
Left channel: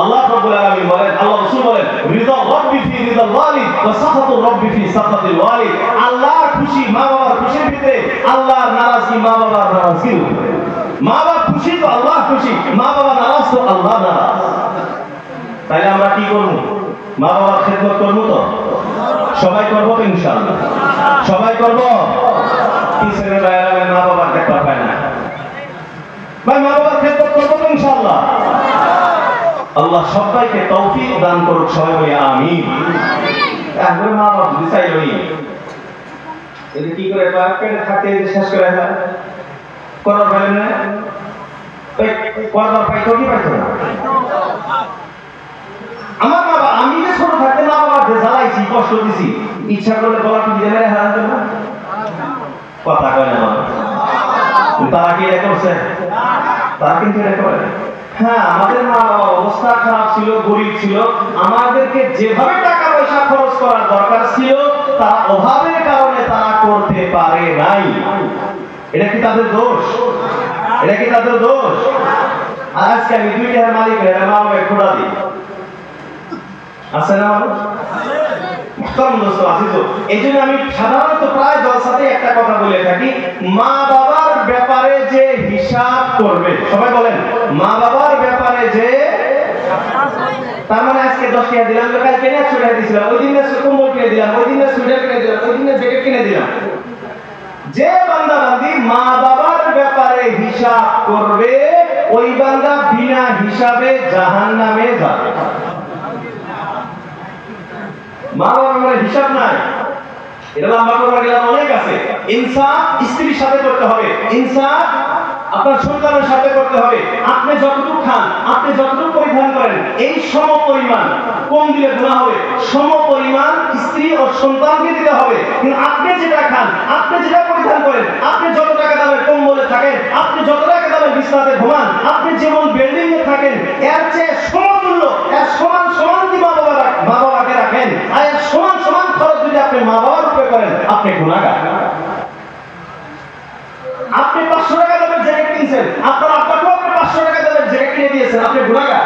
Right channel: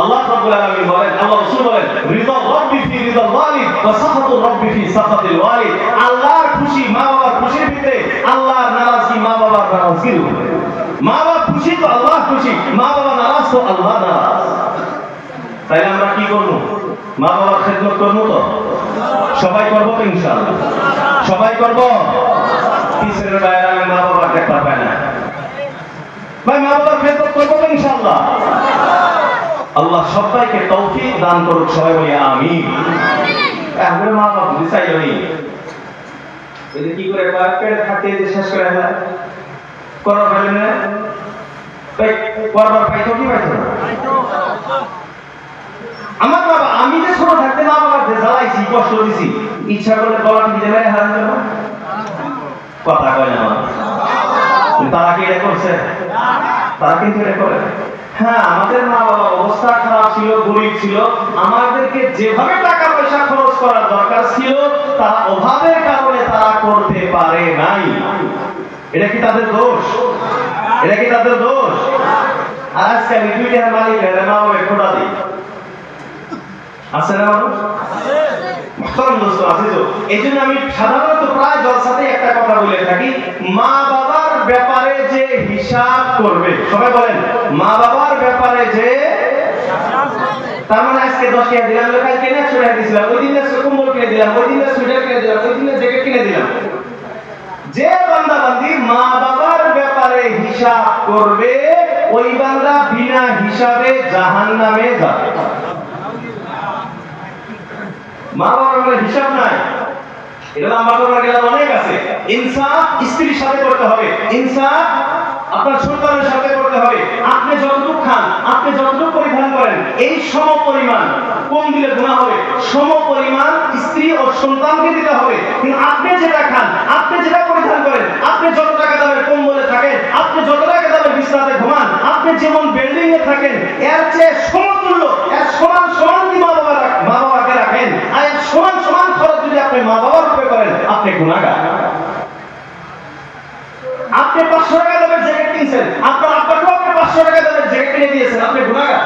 আল্লাহ রাব্বুল আলামিন বলেন, আল্লাহ রাসূল বলেন, রিদা রাব্বি ফি রিদাল ওয়ালিদ ওয়া সাখাতু রাব্বি ফি সাখাতিল ওয়ালিদ। আল্লাহর খুশি মা বাবার খুশির ভিতরে, আল্লাহর নারাজি মা বাবার নারাজির উপরে। মা বাবা খুশি তো আল্লাহ খুশি, মা বাবা নারাজ তো আল্লাহ নারাজ। তাইলে আমরা কি করব? মা বাবার খেদমত করব তো? সবাই করব তো ইনশাআল্লাহ? সবাই করব? কিসের বাইরে মা বাবার দেখা পায় না ভাই, মা বাবার খেদমত করব তো ইনশাআল্লাহ? আল্লাহ সবাইকে তৌফিক দান করুক, সবাই বলি আমিন। একবার মা বাবা বুঝে চাইলনি এই কি করে কয়েকটা থাকতে শেষ করে হয় করার পারে না, করবার পাইতো কি পাইতো না? আমার বাবা, আমি যে ছোট থাকতে মা বাবার যে জ্বালাইছি, কষ্ট দিছি, ইচ্ছা করলে গলা টিপে মেরে হারান জন্য কথা কয় না। তারা কি এটা করছে? তারা কিন্তু এটা করে। হ্যাঁ, আমাদের মা বাবা অবস্থা খারাপ ছিল, গরিব ছিল, আমাদেরকে যেভাবে টাকা পয়সা খরচ করার দরকার ছিল তার অভাবের কারণে তারা করতে পারে নাই। এটা কি তাদের দোষ? এটা কি তাদের দোষ? আজকে আমি দুইটার মালিক হয়ে মা বাবা খোটা দিই, আছে না মানুষ? এই জন্য আমি সাধারণত প্রায় জলসাতে একটা কথা বলে থাকি, মা বাবার ব্যাপারে যে হিসাব করবে, সবাই বলেন মা বাবার ব্যাপারে যে, তার মানে আজকে 10 টাকা দিলাম, কাল কেনা ছুটে দিয়েছিলাম, ওই দিন কম্বল কিনে দিলাম, ওই দিন সুইটার কিনে দিলাম, ওই দিন জ্যাকেট কিনে দিলাম। যে বান্দা বান্দি মা বাবার ব্যাপারে হিসাব করবে, ওই বান্দা বিনা হিসাবে জাহান্নামে যাবে। মা বাবার হিসাব নাই, এটা আমার বাবার অনেক আছে। ইনসাফ স্ত্রীর সাথে করতে হবে, ইনসাফ আপনার সন্তানের সাথে করতে হবে। আপনি যতটুকু খান, আপনি যতটুকু পরিধান করেন, এই সম পরিমাণ কম দিলে গুনাহ হবে, সম পরিমাণ স্ত্রী ও সন্তানকে দিতে হবে। কিন্তু আপনি যেটা খান, আপনি যেটা পরিধান করেন, আপনি যত টাকা দামের কম্বলে থাকেন, আপনি যত টাকা দামের বিছানাতে ঘুমান, আপনি যেমন বিল্ডিং এ থাকেন, এর চেয়ে সমতুল্য, এর সমান সমান যদি মা বাবাকে রাখেন, আর এর সমান সমান খরচ যদি আপনি মা বাবার উপরে করেন, আপনি গুনাহগার। আপনি 500 টাকা দামের জ্যাকেট কিনছেন, আপনার আব্বাকেও আপনি 500 টাকা দামের জ্যাকেট কিনে দিয়েছেন, আপনি গুনাহগার।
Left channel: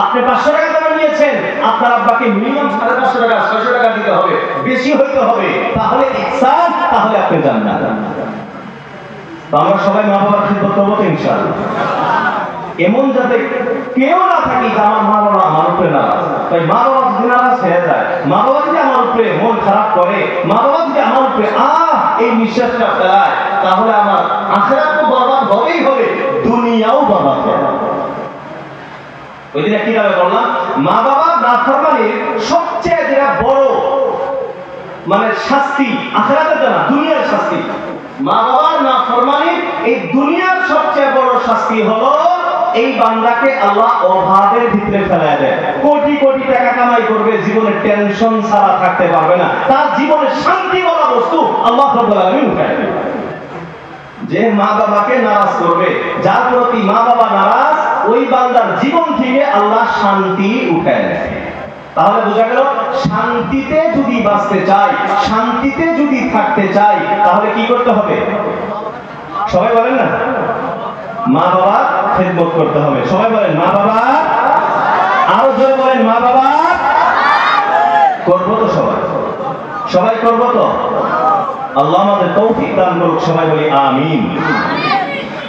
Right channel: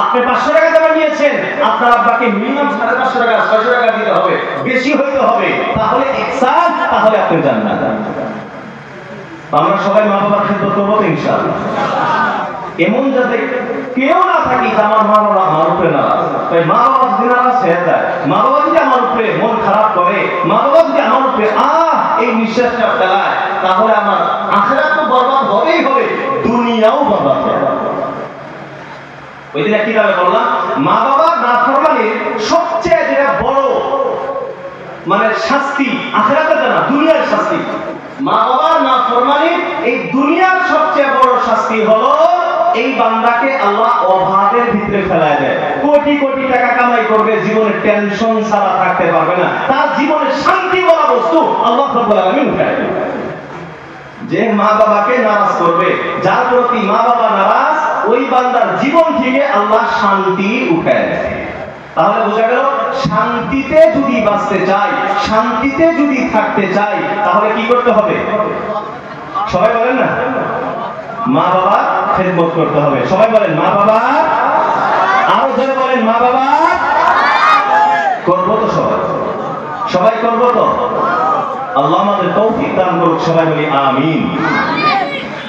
আপনি 500 টাকা দামের নিয়েছেন, আপনার আব্বাকে মিনিমাম 550 টাকা 600 টাকা দিতে হবে, বেশি হইতে হবে, তাহলে ইহসান, তাহলে আপনি জান্নাত। আমরা সবাই মা বাবার খেদমত করব তো ইনশাআল্লাহ। এমন যাতে কেউ না থাকি যে আমার মা বাবা আমার উপরে নারাজ। তাই মা বাবা যদি নারাজ হয়ে যায়, মা বাবা যদি আমার উপরে মন খারাপ করে, মা বাবা যদি আমার উপরে এই নিঃশ্বাসটা ফেলায়, তাহলে আমার আখিরাত তো বরবাদ হবেই হবে, দুনিয়াও বরবাদ হবে। ওই দিন কি দাবি করলাম, মা বাবার নাফরমানির সবচেয়ে যেটা বড় মানে শাস্তি আখিরাতে না, দুনিয়ার শাস্তি। মা বাবার নাফরমানির এই দুনিয়ার সবচেয়ে বড় শাস্তি হলো এই বান্দাকে আল্লাহ অভাবের ভিতরে ফেলায় দেয়। কোটি কোটি টাকা কামাই করবে, জীবনে টেনশন ছাড়া থাকতে পারবে না, তার জীবনে শান্তি বলা বস্তু আল্লাহ রাব্বুল আলামিন উঠায় দেয়। যে মা বাবাকে নারাজ করবে, যার প্রতি মা বাবা নারাজ, ওই বান্দার জীবন থেকে আল্লাহ শান্তি উঠায় দেয়। তাহলে বোঝা গেল, শান্তিতে যদি বাঁচতে চাই, শান্তিতে যদি থাকতে চাই, তাহলে কি করতে হবে? সবাই বলেন না, মা বাবা খেদমত করতে হবে। সবাই বলেন মা বাবা, আরো জোরে বলেন মা বাবা করবো তো? সবাই করবো তো? আল্লাহ আমাদের তৌফিক দান করুক, সবাই বলি আমিন।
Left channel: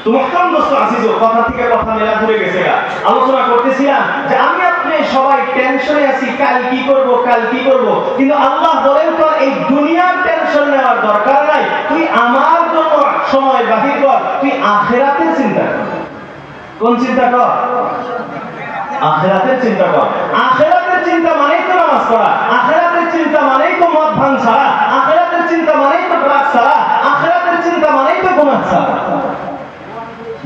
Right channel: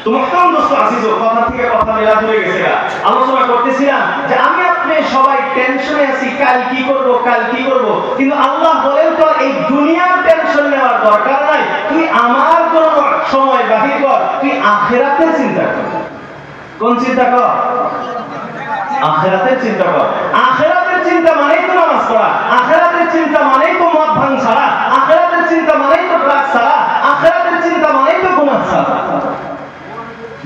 তোমার কোন দোস্ত আসিস, কথা থেকে কথা মেলা দূরে গেছে। আলোচনা করতেছিলাম যে আমি আপনি সবাই টেনশনে আছি, কাল কি করব, কাল কি করব, কিন্তু আল্লাহ বলেন তো এই দুনিয়ার টেনশন নেওয়ার দরকার নাই, তুই আমার জন্য সময় বাহির কর, তুই আখিরাতের চিন্তা কর। কোন চিন্তা কর? আখিরাতের চিন্তা কর। আখিরাতের চিন্তা মানেই তো নামাজ পড়া, আখিরাতের চিন্তা মানেই তো মদ ভাঙ ছাড়া, আখিরাতের চিন্তা মানেই তো ড্রাগস ছাড়া, আখিরাতের চিন্তা মানেই তো গুনাহ ছাড়া।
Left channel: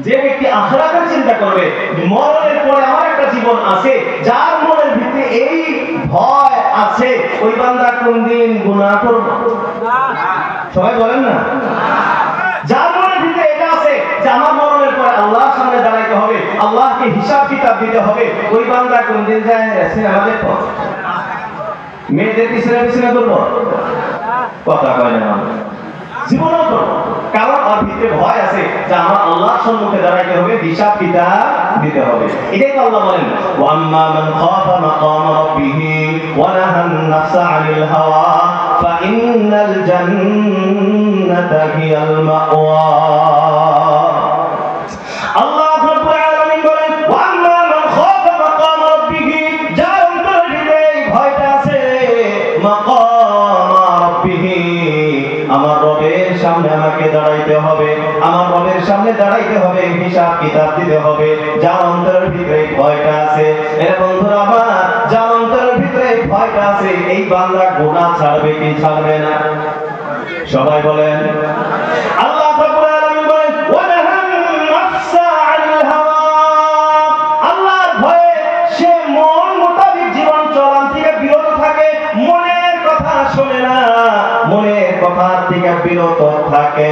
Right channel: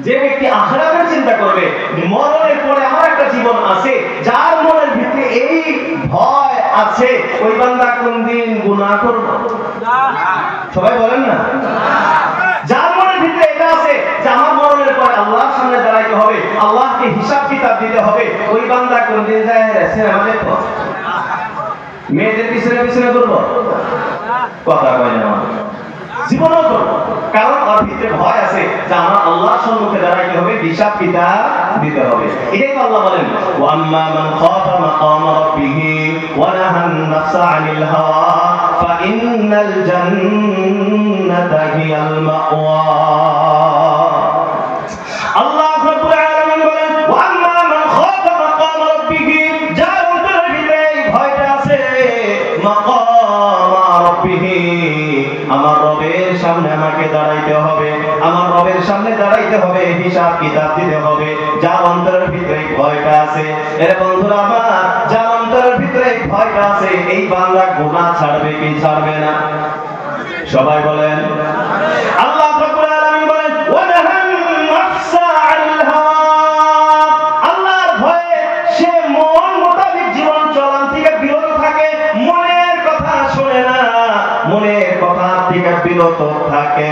যে ব্যক্তি আখিরাতের চিন্তা করবে, মরণের পরে আমার একটা জীবন আছে, যার মনের ভিতরে এই ভয় আছে, ওই বান্দা কোনদিন গুনাহ করবে? সবাই বলেন না, যার মনের ভিতরে এটা আছে যে আমার মরণের পরে আল্লাহর সামনে দাঁড়াইতে হবে, আল্লাহকে হিসাব কিতাব দিতে হবে, ওই বান্দা কোনদিন যায় সিনেমা দেখবো, মেয়েদের পিছনে পিছনে করবো? কথা কয় না, জীবনেও করবো। কারণ ওর ভিতরে ভয় আছে যে আমার আল্লাহর সম্মুখে দাঁড়াইতে হবে, হিসাব কিতাব দিতে হবে। এটাই তো আল্লাহ বলেন ওয়া আম্মা মান খাফা মাকাম রাব্বিহি ওয়া নাহান নাফসা আনিল হাওয়া ফা ইন্নাল জান্নাতা হিয়াল মাওয়া। আল্লাহ রাব্বুল আলামিন বলেন ওয়া আম্মা মান খাফা মাকাম রাব্বিহি, যার অন্তরের ভিতরে ভয়টা আছে, মাকাম রাব্বিহি, আমার রবের সামনে আমাকে দাঁড়াইতে হবে, আমার রবের সামনে দাঁড়াইতে হবে, হিসাব কিতাব দিতে হবে, যার অন্তরের ভিতরে ভয়টা আছে। এর বন্ধুরা আমার, যার অন্তরের ভিতরে ভয়টা আছে, এই বান্দা গুনাহ ছাড়বে কি ছাড়বে না? সবাই বলেন। আল্লাহ রাব্বুল আলামিন বলেন ওয়া নাহান নাফসা আনিল হাওয়া, আল্লাহর ভয়ে সে মন মোতাবেক জীবন চলান থেকে বিরত থাকে, মনের কথা শোনে না, মনের কথা থেকে বিরত থাকে।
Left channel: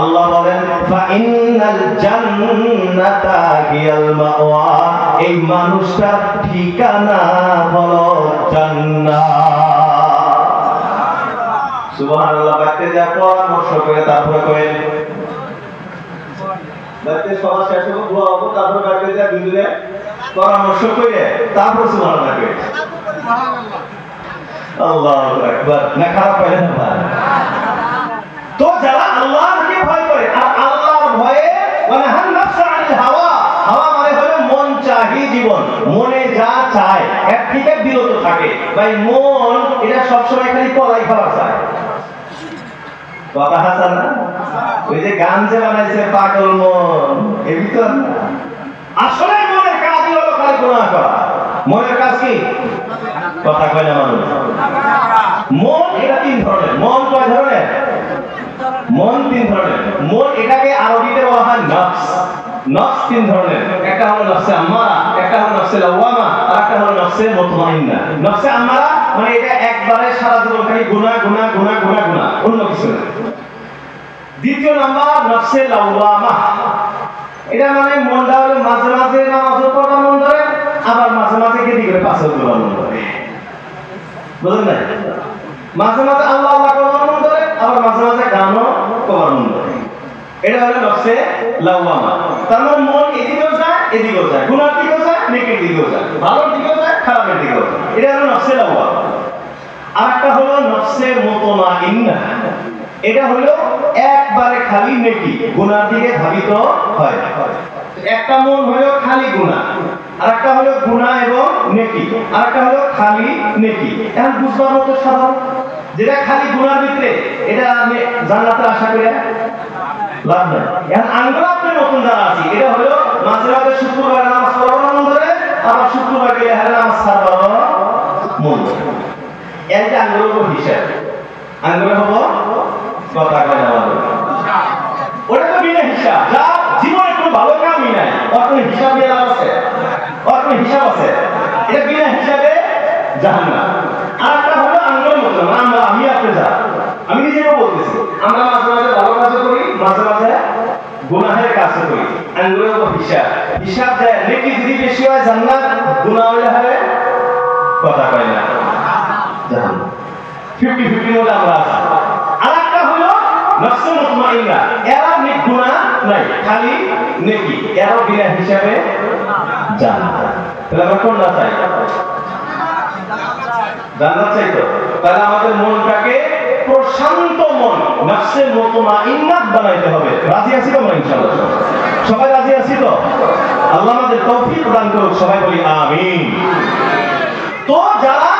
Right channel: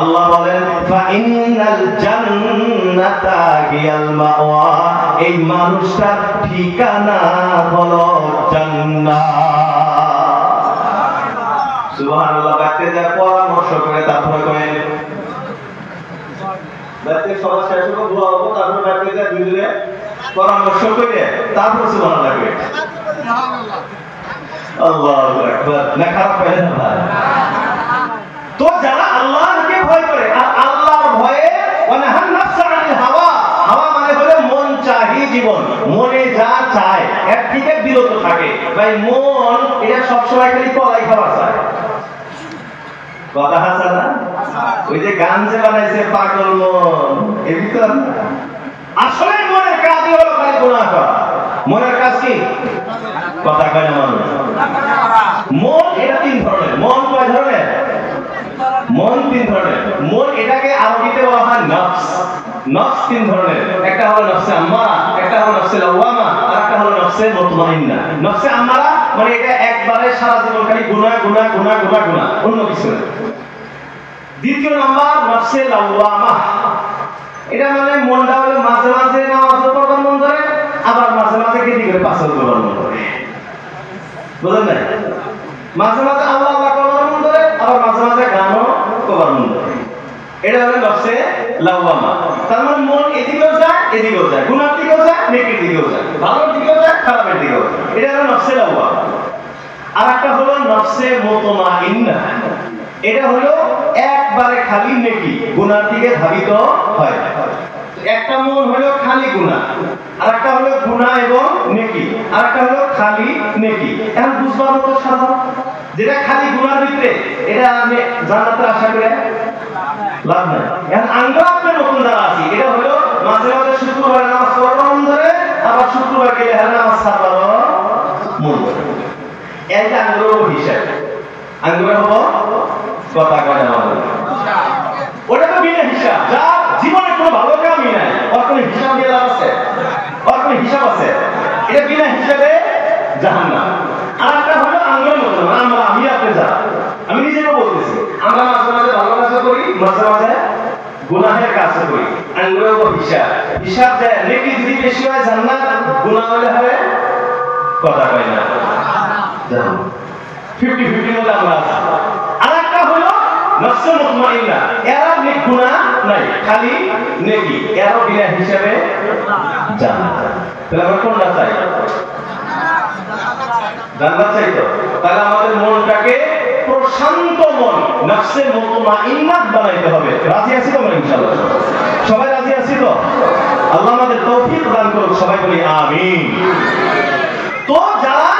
আল্লাহ বলেন ফা ইন্নাল জান্নাতা হিয়াল মাওয়া, এই মানুষটার ঠিকানা হলো জান্নাত। সুবহানাল্লাহ। বাইতে যা পরামর্শ করে তারপরে করেন, বাইতে সবার শেষ হবে, দোয়া হবে, তারপরে বাইতে যা দুইজনে পরামর্শ করে তারপর সুবহানাল্লাহ করেন। আল্লাহু আকবার। না খারাপ পাইলেন ভাই? তো যারা আল্লাহকে ভয় করে, আর আল্লাহর ভয়ে ওয়া নাহান নাফসা আনিল হাওয়া, হাওয়া মানে হলো মন চাহি জীবন, মনে যা চায় এর থেকে বিরত থাকে। ভাই মন এটা সব সময় খালি কলাই খাওয়া চায়, কথা আছে না? ওই যে গান যে বানাইছে পাগল মন, এই ভিতর আসলে মনের কাজই হলো খালি গুনাহ করা। মনের কাজ কি? কথা কয় না মানুষ। মন এটা তিন ধরনের। মন কয় ধরনের? মন তিন ধরনের। মন এটাকে আরবিতে বলা হয় নফস। নফস তিন ধরনের। একটা হলো নফসে আম্মারা, একটা হলো নফসে লাওয়ামা, আর একটা হলো নফসে মুতমাইন্না। নফসে আম্মারা মানে এটা একবারে সারা জীবন খালি গুনাহ গুনাহ গুনাহ গুনাহ গুনাহ, অন্য কিছু না। দ্বিতীয় নাম্বার নফসে লাওয়ামা, এটা মানে মনটা হলো মাঝে মাঝে নামাজ পড়ার মন ধরে, আবার মাঝে মাঝে কেটে করে পাথর করার মন ধরে, বুঝলেন না? মাঝে মাঝে আল্লাহ আল্লাহ করার মন ধরে, আবার মাঝে মাঝে গানও করার মন ধরে। এটা হলো নফসে লাওয়ামা। তার মানে মন এদিকেও যায় এদিকেও যায়, গুনার দিকেও যায় নেকির দিকেও যায়, ভালোর দিকেও যায় খারাপের দিকেও যায়। এটা হলো নফসে লাওয়ামা। আর একটা হলো নফসে মুতমাইন্না, এটা হলো একবারে খালি নেকি, গুনার দিকে ধাবিত হয়। একটা মন হলো খালি গুনাহ, আর একটা হলো গুনাহ এবং নেকি, আর একটা হলো খালি নেকি। এখন বুঝবার মতো সাধারণ, যেটা খালি গুনার ভিতরে এটা আমি জান্নাতের আশা করে লাভ নাই। এখন আমরা আপনার নতুন যারা আছি, এটা হলো মাঝে মাঝে শুক্রবার নামাজ পড়ার মন ধরে, আবার শুক্রবার গেলে হ্যাঁ নামাজ ছাড়ার মন ধরে। এটা আঙ্গুরের হিসাব। আঙ্গুরে হবো কথা কয় না, ওটা তো বিনা হিসাব। যার জীবনে কোনো ভালো কামই নাই, ওর কোনো হিসাব দিয়ে লাভ আছে? ওর কোনো হিসাব আছে? এটা বিনা হিসাবে জাহান্নাম। আর একটা হলো আঙ্গুরের মতো, আমরা আমি আপনি যা, আমি নিজেও বলতেছি, আমরা মাঝে মাঝে ভালো কাজ করি, মাঝে মাঝে গুনাহের কাজ করি। আঙ্গুরের উপর হিসাব, হিসাব দেয় নেকি যদি বেশি হয় জান্নাত, গুনাহ হলে হয় কথা কয় না জাহান্নাম। 50-50 মতো আমরা আছি। আর একটা হলো নফসে মুতমাইন্না, এরা নেক গুনাহ নাই, খালি নেকি, এরা বিনা হিসাবে জান্নাত। তাহলে আমরা কোনটা চাই? জান্নাত চাই তো। তাহলে আমাদের মনটাকে প্রশান্ত মন, নফসে মুতমাইন্না বানাইতে হবে। রাজি আছি তো আমরা ইনশাআল্লাহ? সবাই রাজি আছি তো? আল্লাহ আমাদের তৌফিক দান করুক, সবাই বলি আমিন। তো যারা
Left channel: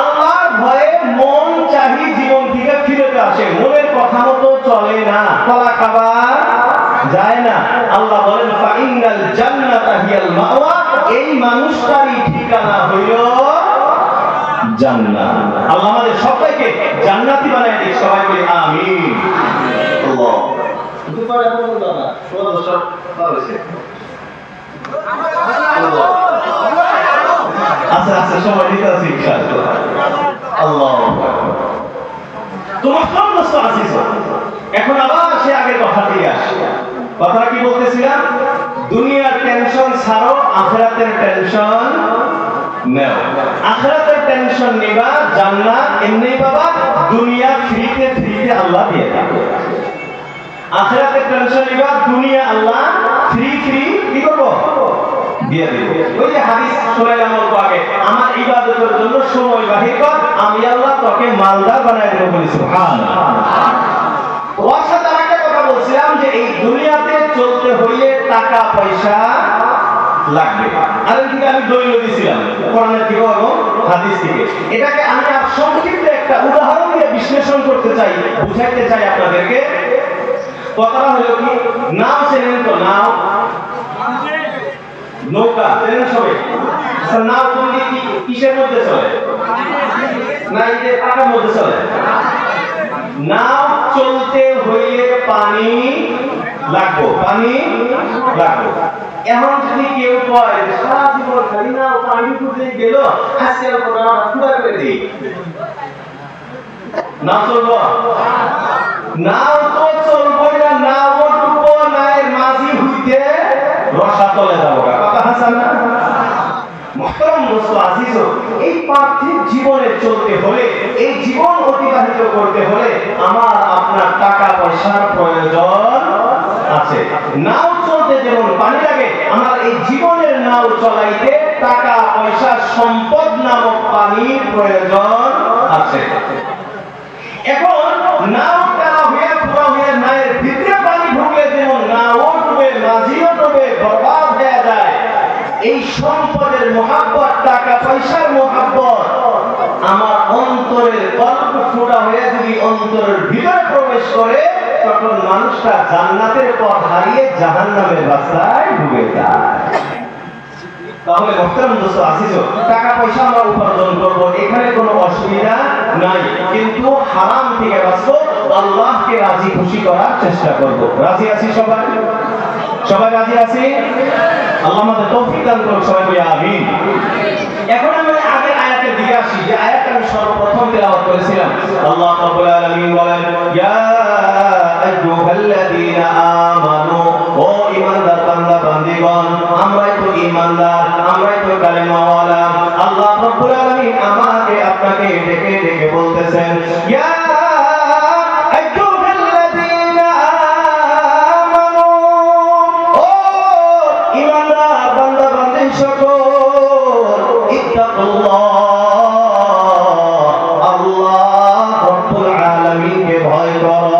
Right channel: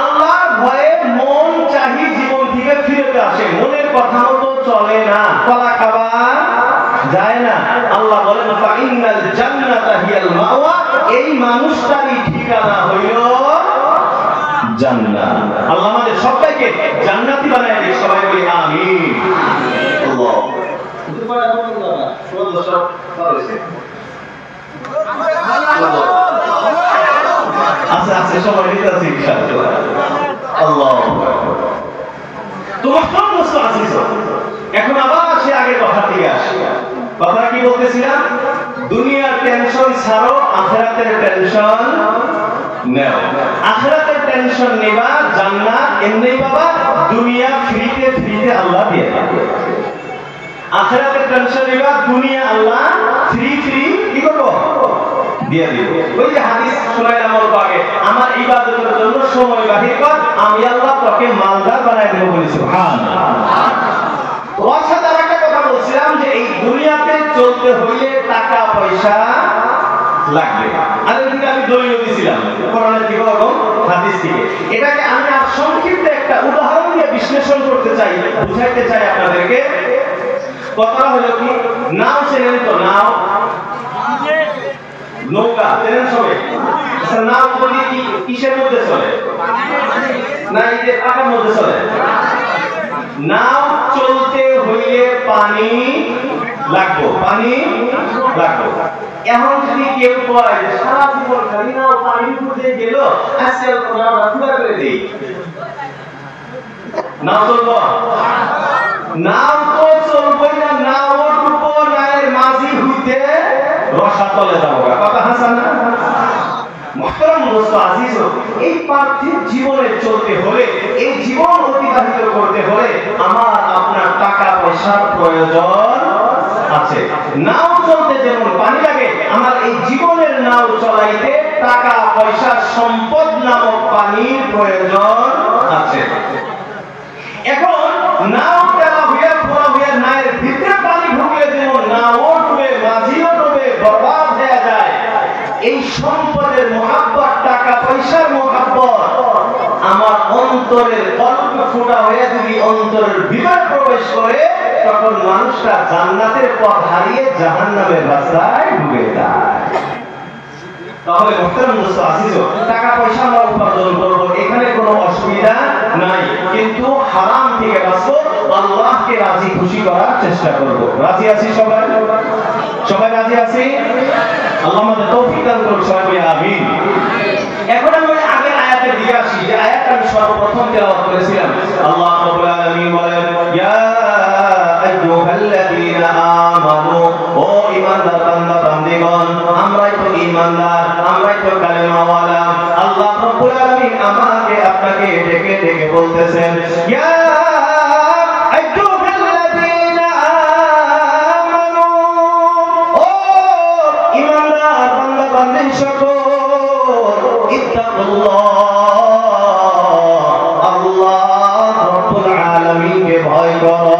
আল্লাহর ভয়ে মন চাহি জীবন থেকে ফিরতে আসে, মনের কথা মতো চলে না, কলা খাবার যায় না, আল্লাহ বলেন ফা ইন্নাল জান্নাতা হিয়াল মাওয়া, এই মানুষটারই ঠিকানা হইল জান্নাত। আল্লাহ আমাদের সবাইকে জান্নাতি বানায় দিক, সবাই বলি আমিন। আল্লাহ দুপাড়া কোন বাবা সদস্য পারছে আচ্ছা আচ্ছা সবাই নিতে আছে ইনশাআল্লাহ। আল্লাহ তোমার কোন প্রশ্ন আছে? এখন আবার সে আগে কথা দিয়ে আসি। কথা কি বলতেছিলাম? দুনিয়ার টেনশন ছাড়ো, আখিরাতের টেনশন নাও। আখিরাতের টেনশন নিবা জান্নাত এমনি বাবা দুনিয়া ফ্রিতে ফ্রিতে আল্লাহ দিয়ে দেবে আখিরাতে টেনশন নিবা দুনিয়া আল্লাহ ফ্রি ফ্রি কি করব দিয়ে দিবে ওই যে হাদিস শুনাইলাম অল্প আগে আমার ইবাদতের জন্য সময় বাহির কর আমি আল্লাহ তোকে মালদার বানাই দেব বলি সুবহানাল্লাহ ওয়াসাদার একটা কথা বলছিলাম যে এই দুনিয়াতে চলতে হইলে টাকা পয়সা লাগবে আর কিন্তু আমি দলিল দিয়েছিলাম কোরআনের থেকে এবং হাদিস থেকে এটাকে আমি আর সংক্ষিপ্ত একটা উদাহরণ দিয়ে বিশ্লেষণ করতে চাই বুঝাইতে চাই আপনাদেরকে কথা হলো কি নাও চেনেন তো নাও নৌকা চেনেন সবাই আচ্ছা নাও তুমি কিসের মধ্যে চলে না এই যে পাকার মধ্যে চলে নাও চলতে হইলে পানি লাগবে এখন যদি কেউ কয় সারা জীবন খালি নাও পানির উপরে গেল আজকে আমরা পুরা করে দেই নাও চলবো নাও তো চলবে না নাও ডুবো নায়ের মাঝি হইতে রসা তলে যাবো কথা হাসান না মুহতারাম দোস্ত আজিজ এই পার্থিব জীবনে চলতে হলে এই জীবন অতিবাহিত করতে হলে আমার আপনার টাকা পয়সার প্রয়োজন আছে নাও চলতে যেমন পানি লাগে আমার এই জীবনের নাও চলাইতে টাকা পয়সা সম্পদ নামক পানির প্রয়োজন আছে এখন নাও তেলা হয়ে পুরা হয়ে নায়ের ভিতরে পানি ঢুকলে যেমন নাও ডুবে মাঝিও ডুবে বরবাদ হয়ে যায় এই সম্পদের মহাব্বত টাকা পয়সার মহাব্বত আমার অন্তরের কল্প ফুটা হয়ে যদি অন্তরের ভিতরে প্রবেশ করে তখন মানুষটা জান্নাতের পথ হারিয়ে জাহান্নামের রাস্তায় ঢুকে যায় তাহলে মুহতারাম দোস্ত আজিজ টাকা পয়সা আমরা উপার্জন করব এখানে কোনো অসুবিধা নাই কিন্তু হারাম থেকে বাঁচবো আল্লাহকে রাজি খুশি করার চেষ্টা করব রাজি আছি সবাই রাজি আছি আল্লাহ আমাদের তৌফিক দান করুন সবাই বলি আমিন এখন আমরা আগে আয়াতের দিকে আসি যে আয়াতটা আমি সর্বপ্রথম তেলাওয়াত করেছিলাম আল্লাহ রাব্বুল আলামিন বলেন ইয়া আইয়ুহাল্লাযীনা আমানু ও ঈমানদার বান্দা বান্দীগণ আমরাই তো ঈমানদার আমরাই তো কালেমাওয়ালা আল্লাহ রাব্বুল আলামিন আমাকে আপনাকে ডেকে ডেকে বলতেছেন ইয়া আইয়ুহাল্লাযীনা আমানু ও ঈমানদার বান্দা বান্দী সকল ইত্তাকুল্লাহ আল্লাহ রাব্বুল আলামিনকে ভয় করো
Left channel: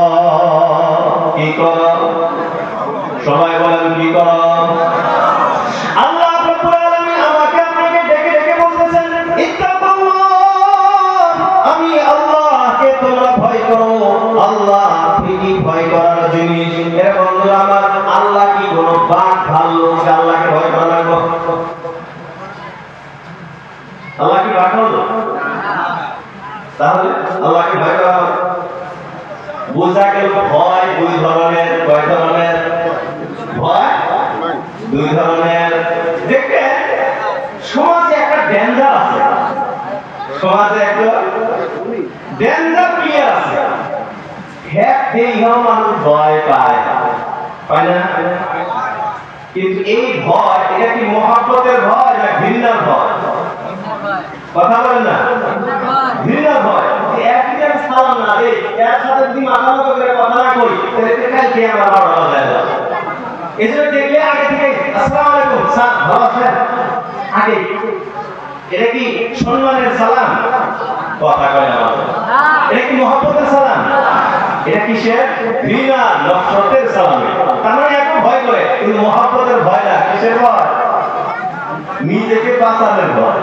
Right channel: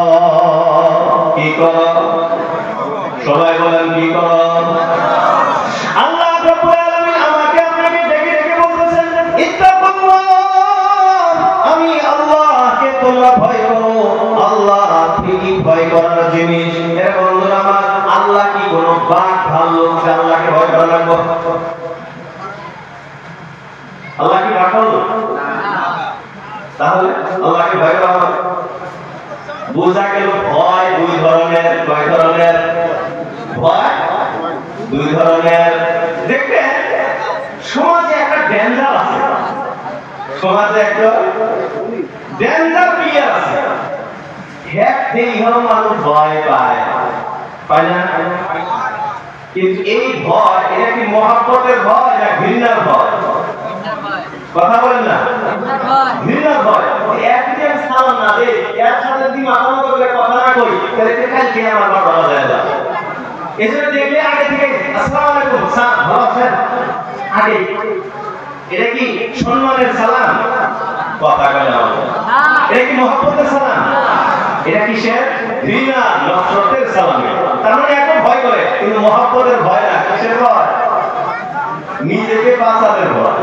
কি করো সবাই বলেন কি করো আল্লাহ রাব্বুল আলামিন আমাকে আপনাকে ডেকে ডেকে বলতেছেন ইত্তাকুল্লাহ আমি আল্লাহকে তোমরা ভয় করো আল্লাহ ঠিকই ভয় করার জিনিস এর বন্ধুরা আমার আল্লাহ কি কোনো বাঘ ভাল্লুক আল্লাহকে ভয় করা লাগবে আল্লাহ কি বাঘ ভাল্লুক তাহলে আল্লাহকে ভয় করা হবে বুঝা গেল ভয় দুই ধরনের কয় ধরনের ভয় দুই ধরনের দেখবেন সমাজে একটা ডেঞ্জার আছে সমাজে একটা ডেঞ্জার প্লেয়ার আছে হ্যাঁ মানুষ ভয় পায় না কিন্তু এই ভয় এটা কি মহব্বতের ভয় না ঘৃণার ভয় কথা বলেন না ঘৃণার ভয় একদিকে আমি সালাম না দেই এর সাথে যদি মাতামাতা করে কথা না কই তাহলে কালকে আমার বাবা যায় না এসে দেখলে আগে থেকে আসসালামু আলাইকুম স্যার ভালো আছেন আগে এটা কি সম্মানের সালাম কথা কয় না এটা কি মহব্বতের সালাম এটা কিসের ঘৃণা নফরতের সালাম তার মানে এত ভয় করে কিন্তু মহব্বতের ভয় না কিসের ভয় নিজেকে বাঁচানোর ভয়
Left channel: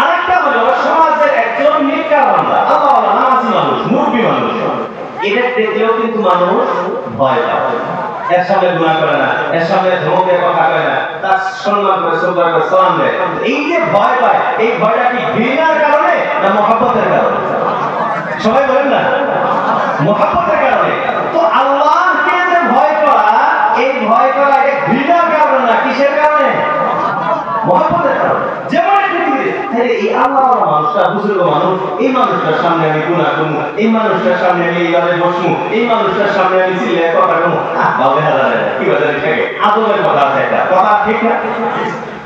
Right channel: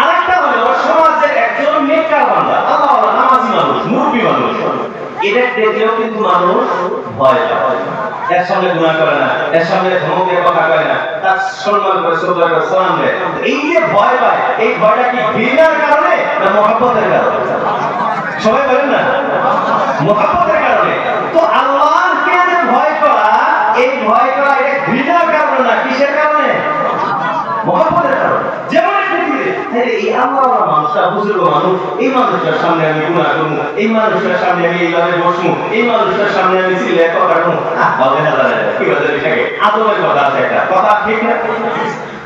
আরেকটা হলো সমাজের একজন নেককার বান্দা আল্লাহওয়ালা নামাজি মানুষ মুরব্বী মানুষ এটা দেখলেও কিন্তু মানুষ ভয় পায় এর সামনে গুনাহ করে না এর সামনে ধমক দিয়ে কথা কয় না তার সম্মান করে শ্রদ্ধা করে সালাম দেয় এই যে ভয় পায় এই ভয়টা কি ঘৃণার কারণে না মহব্বতের কারণে সবাই বলেন না মহব্বতের কারণে তো আল্লাহকে যে ভয় করা এই ভয় করা এটা ঘৃণার কারণে না কিসের কারণে মহব্বতের কারণে যেমন এই আল্লাহ মানুষটা বুজুর্গ মানুষ এই মানুষটার সামনে আমি গুনাহ করব এই মানুষটার সামনে আমি এইভাবে বসবো এই মানুষটার সামনে আমি চিল্লে কথা রাখবো হবে না কি বলে থাকে আদমের কথা আছে একটা কথা ঠিক না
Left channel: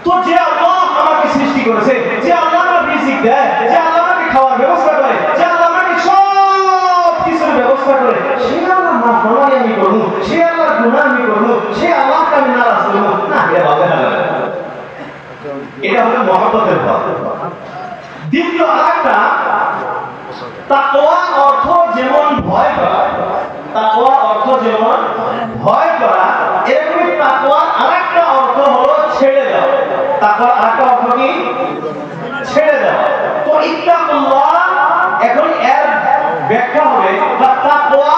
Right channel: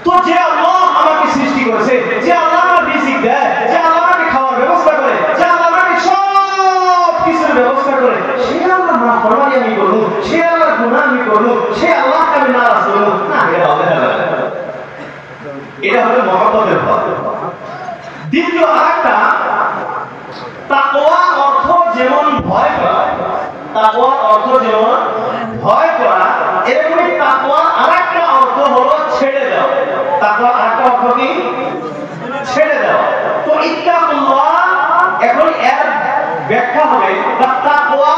তো যে আল্লাহ আমাকে সৃষ্টি করেছে যে আল্লাহ আমার রিজিক দ্বিতীয় আরেকটা তাকওয়া অর্থ যেমন ভয় করা, তাকওয়া অর্থ যেমন ভয় করা, এরকমই তাকওয়ার আরেকটা অর্থ হলো ছেড়ে দেওয়া। তাকওয়ার আরেকটা অর্থ কি? ছেড়ে দেওয়া। তো ইত্তাকুল্লাহ এখন এর ব্যাখ্যা হবে বা তাকওয়া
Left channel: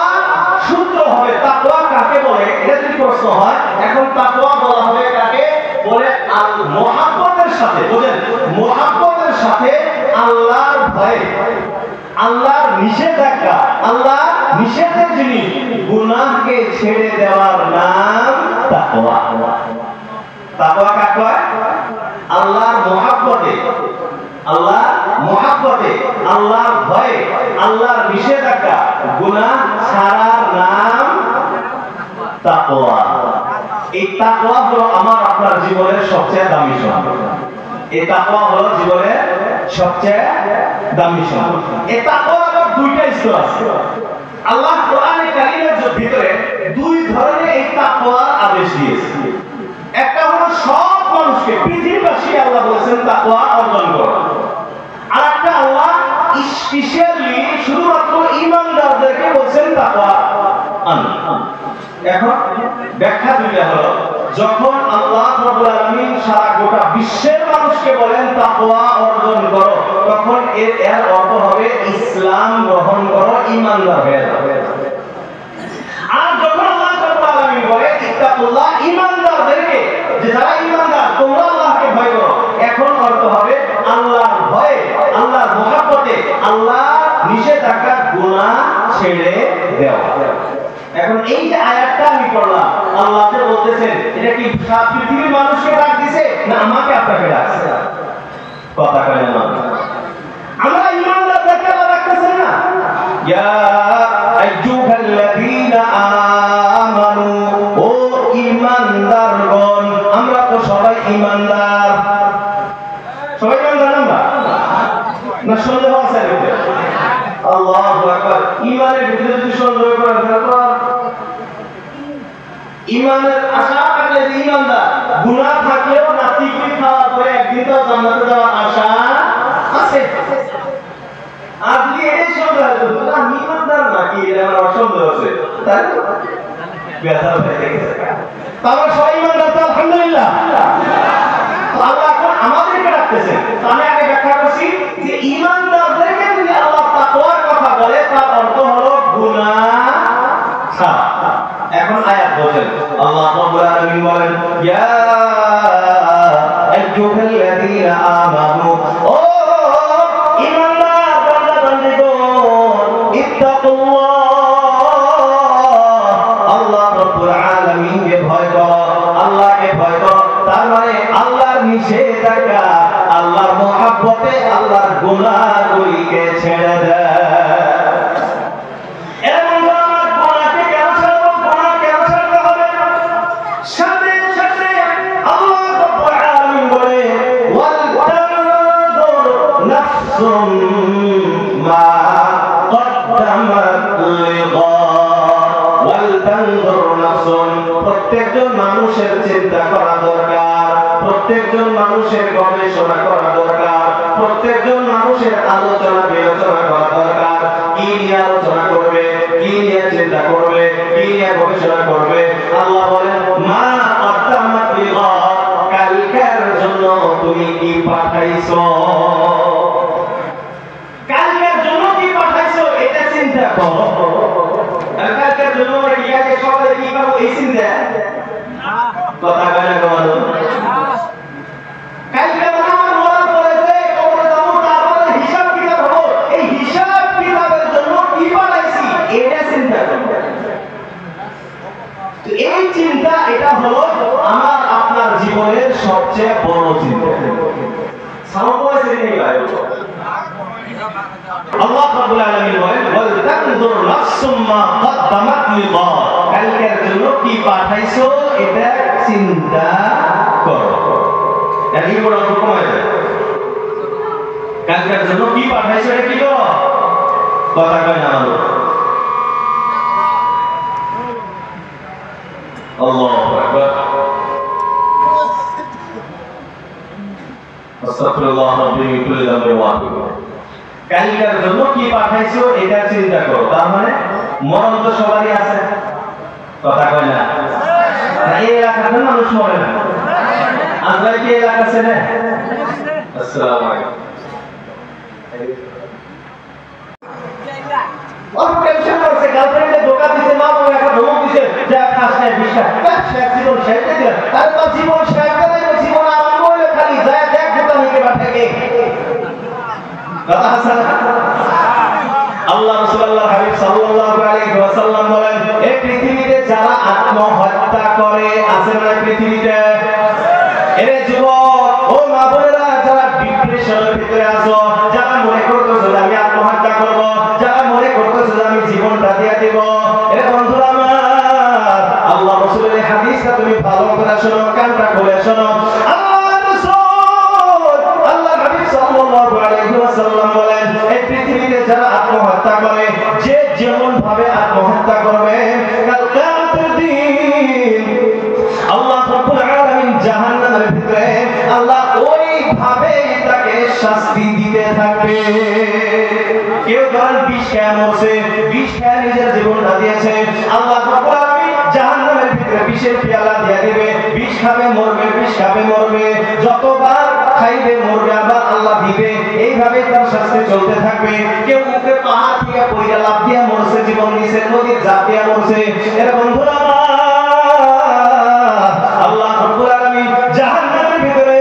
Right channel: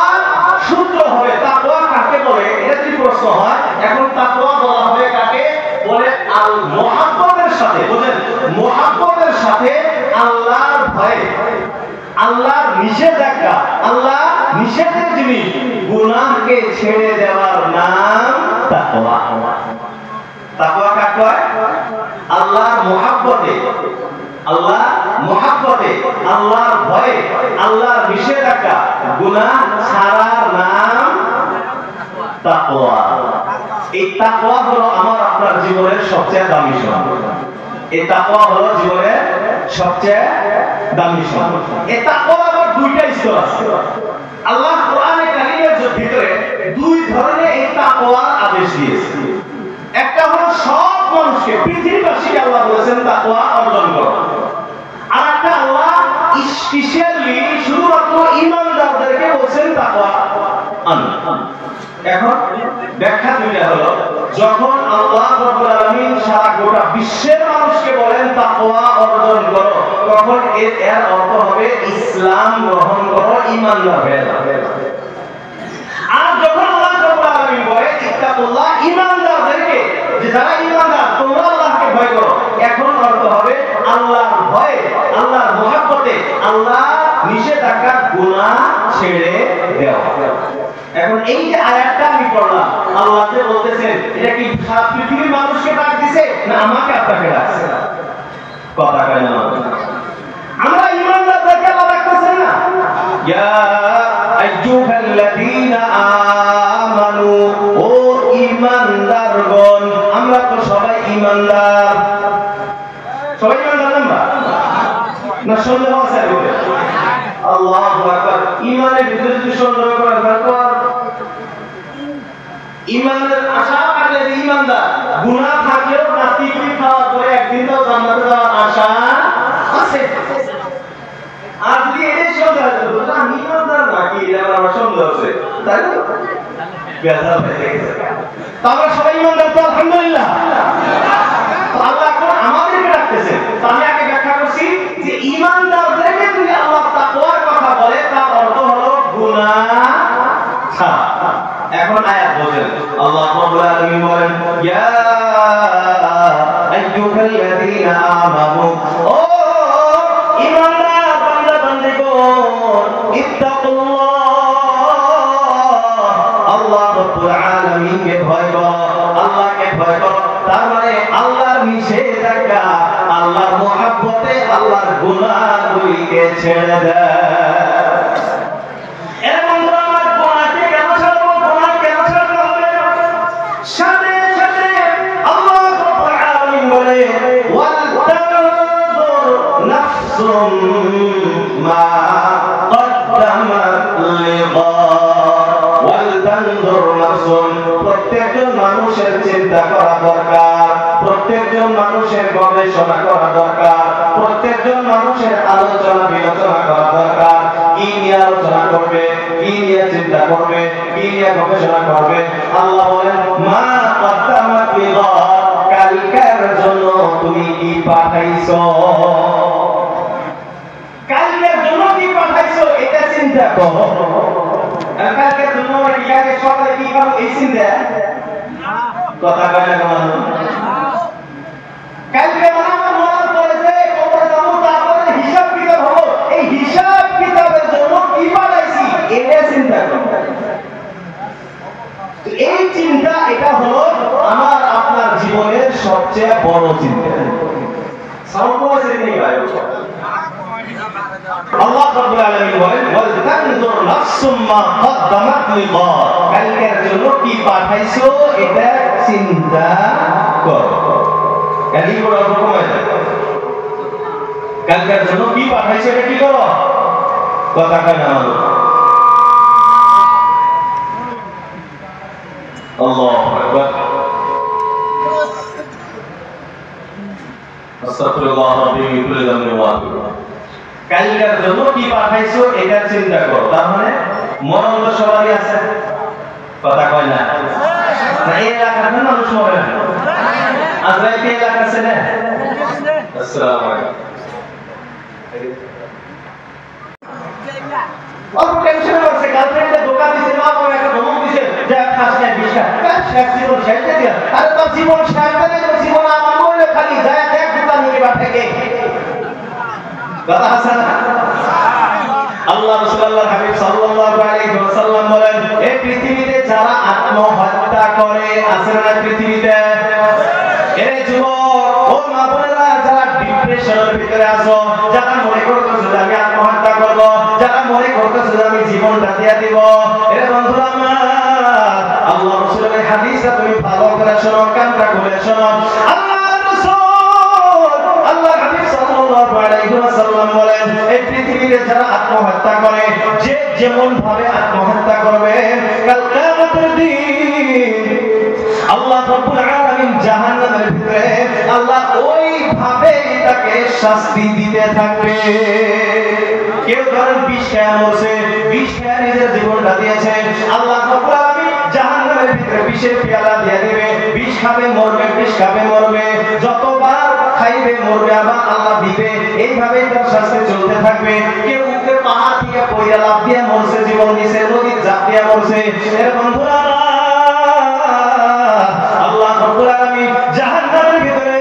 সূত্র হবে। তাকওয়া কাকে বলে এটা যদি প্রশ্ন হয়, এখন তাকওয়া বলা হবে কাকে বলে? আল মুহাব্বতের সাথে, বুঝেন, মুহাব্বতের সাথে আল্লাহর ভয়ে, আল্লাহর নিষেধাজ্ঞা, আল্লাহ নিষেধের জিনিস গুনাহকে ছেড়ে দেওয়ার নাম তাকওয়া। তাকওয়া কাকে কয়? আল্লাহর মুহাব্বতে, আল্লাহ মুহাব্বতে, আল্লাহর ভয়ে, আল্লাহর নিষেধাজ্ঞা গুনাহ ছাড়ার নাম তাকওয়া। এই তাকওয়া হলো আমার আপনার জীবনের সবচেয়ে দামি সম্পদ। এই তাকওয়া হলো জীবনের সবচেয়ে দামি সম্পদ। এই তাকওয়ার আবার দুইটা স্তর আছে। আল্লাহ কোরআনে কারীমের ভিতরে দুই ধরনের এই তাকওয়ার আদেশ দিয়েছেন। একটা হলো সব মানুষকে, পৃথিবীবাসী আল্লাহ বলেছেন তাকওয়া অর্জন করো। আর একটা আল্লাহ স্পেশালি শুধুমাত্র ঈমানদারদেরকে বলেছেন তাকওয়া আনো। এখন ব্যাখ্যা দুইটা হলো, যখন আল্লাহ রাব্বুল আলামিন সারা গোটা বিশ্বের মানুষকে বলেন তাকওয়া অর্জন করো, তখন এর অর্থ হবে ইসলাম গ্রহণ করো, ঈমানদার হয়ে যাও। আর যখন আল্লাহ রাব্বুল আলামিন বলে ইত্তাকুল্লাহ, ঈমানদারদেরকে, যে যারা ঈমানদার তোমরা আল্লাহকে ভয় করো, এখন অর্থ হবে আল্লাহর ভয়ে, আল্লাহর মুহাব্বতে, আল্লাহ নিষেধাজ্ঞা গুনাহ ছেড়ে দেওয়া। এখন এই যে আয়াতটা আমি পড়লাম, আল্লাহ যে বলতেছেন এটা কি পৃথিবীর মানুষকে ডাক দিছে না আমাকে আপনাকে ডাকছে? কথা বলেন না, আমরা ঈমানদারদেরকে আল্লাহ ডাকতেছেন না? ইয়া আইয়ুহাল্লাযীনা আমানু, ও ঈমানদারগণ। আমরা তো সবাই ঈমানদার, সবাই ঈমানদার না সন্দেহ আছে? আল্লাহু আকবার। ঈমানের ভিতরে যদি সন্দেহ করেন তারপর ঈমানের আশা থাকলে যে ঈমানদার, গুনাহ থাকলেও নাস্তিকি খাওয়ার পরে একদিন তো জান্নাতে যাওয়ার আশা আছে। আর যদি এই সন্দেহ হয় তো আমি ঈমানদার নাকি এটা আমার সন্দেহ আছে, তাই তো বেজার হয়ে গেছে। তাহলে সবাই ঈমানদার তো আলহামদুলিল্লাহ। আল্লাহ এখন আমাদেরকে ডাকতেছেন। আমি আগে ব্যাখ্যা করছি যে ঈমানদারদেরকে যদি আল্লাহ তাকওয়ার কথা বলে তার অর্থ হলো গুনাহ ছাড়া। এখন আয়াত বলেন, আল্লাহ রাব্বুল আলামিন বলেন ইয়া আইয়ুহাল্লাযীনা আমানু, ও ঈমানদার বান্দা বান্দীগণ, ইত্তাকুল্লাহ, আল্লাহ রাব্বুল আলামিনকে ভয় করো, আল্লাহকে ভয় করো। তার মানে আল্লাহর নিষেধাজ্ঞা, আল্লাহর মুহাব্বতে, আল্লাহর গুনাহগুলিকে ছেড়ে দাও। প্রত্যেকজন মানুষের চিন্তা করা দরকার, প্রত্যেকজন মানুষের গবেষণা করা দরকার, প্রত্যেকজন মানুষের আলোচনা বিলোচনা করা দরকার। কি নিয়ে আলোচনা করবে, কি নিয়ে চিন্তা করবে, কি নিয়ে গবেষণা করবে? আল্লাহ বলেন মা কদ্দামাত লিগাদ, কালকের জন্য তুমি কি পাঠাইছো, কালকের জন্য কি পাঠাইছো এটা চিন্তা করো। কালকের জন্য কি সকালে কি করো এই চিন্তা কথা বলে বলো। কালকে আমার মনে পড়েছে কবরে যাব, তারপরে হিসাব কিতাব হলো, এই হিসাব কিতাবের জন্য কি পাঠাইছি এটা চিন্তা করো। এই চিন্তা, এটা হলো আমার আপনার জীবনের সবচেয়ে বড় চিন্তা। সামনে নেই ভাই, আল্লাহ রাব্বুল আলামিন বলেন ওয়াল তানজুর নাফসুম মা কদ্দামাত লিগাদ, কালকের জন্য কি পাঠাইছো এটা চিন্তা করো। এর কি বড় অর্থ কমে যায়? কালকের জন্য কি পাঠাইছো এটা কি করো, কথা কয় না। আল্লাহু আকবার। আস্তাগফিরুল্লাহ রাব্বি মিন কুল্লি যামবিন ওয়া আতুবু। কালকার জন্য কি পাঠাইছো এটা চিন্তা করো। তার মানে মরণ তো সবারই আছে, কথা কয় না? এই এলাকার মানুষ মরে না, আজরাইল কি এলাকা আছে না? আসসালামু আলাইকুম। অল্প টেনশন করছে, গার্লফ্রেন্ডে ধোকা দিছে, মা বাবা একটা ধমক দিছে, যা খাস না বিশটা শেষ জীবন শেষ দিয়ে আর তার জীবন শেষ হবে না, জীবন আরম্ভ হইলে খালি যায় দেখ দুটা নিয়ে বাট থেকে কথা আছে না? আল্লাহ রাসূলুল্লাহ হাবিব সাল্লাল্লাহু আলাইহি ওয়াসাল্লাম বলেন, এই পৃথিবীতে যারা আত্মহত্যা করে আছে না পৃথিবীতে, এরে যুবক ও মা বোনেরা, যারা ডিপ্রেশনের ভিতরে আছো, যারা মনে করতেছো যে আমি আত্মহত্যা করব, যারা মনে করতেছো যে আমি জীবনটা দিয়ে দিব, এরে বন্ধুরা আমার, আল্লাহ রাসূলের এই হাদিসটা তুমি ভালো করে শোনো, কানটা খুলে শোনো। আল্লাহ হাবিব সাল্লাল্লাহু আলাইহি ওয়াসাল্লাম বলেন, এই পৃথিবীতে যারা আত্মহত্যা করে, যে যেমন ভাবে আত্মহত্যা করবে, কাল কিয়ামতের দিন আল্লাহ রাব্বুল আলামিন জাহান্নামের ভিতরে আল্লাহ ওই ভাবে তাকে শাস্তি দিতে থাকবে। কেউ ধরেন 20 টাকা মরছে, 20 টাকা নিজের জীবনটা দিয়েছে, আল্লাহ রাব্বুল আলামিন জাহান্নামের ভিতরে বিষের পেয়ালা দিয়ে দিবে, বিষ খাবে মরবে, বিষ খাবে মরবে, যতবার খাইবে মরবে, আবার আল্লাহ দিবে, এইভাবেই তার শাস্তি চলতে থাকবে। কেউ মুখে পাহাড় থেকে পড়ে লাফ দিয়ে মরছে, জীবন দিয়েছে, নদীর ঝাঁপ দিয়ে মরছে। এর বন্ধুরা আল্লাহ রাব্বুল আলামিন জাহান্নামের ভিতরে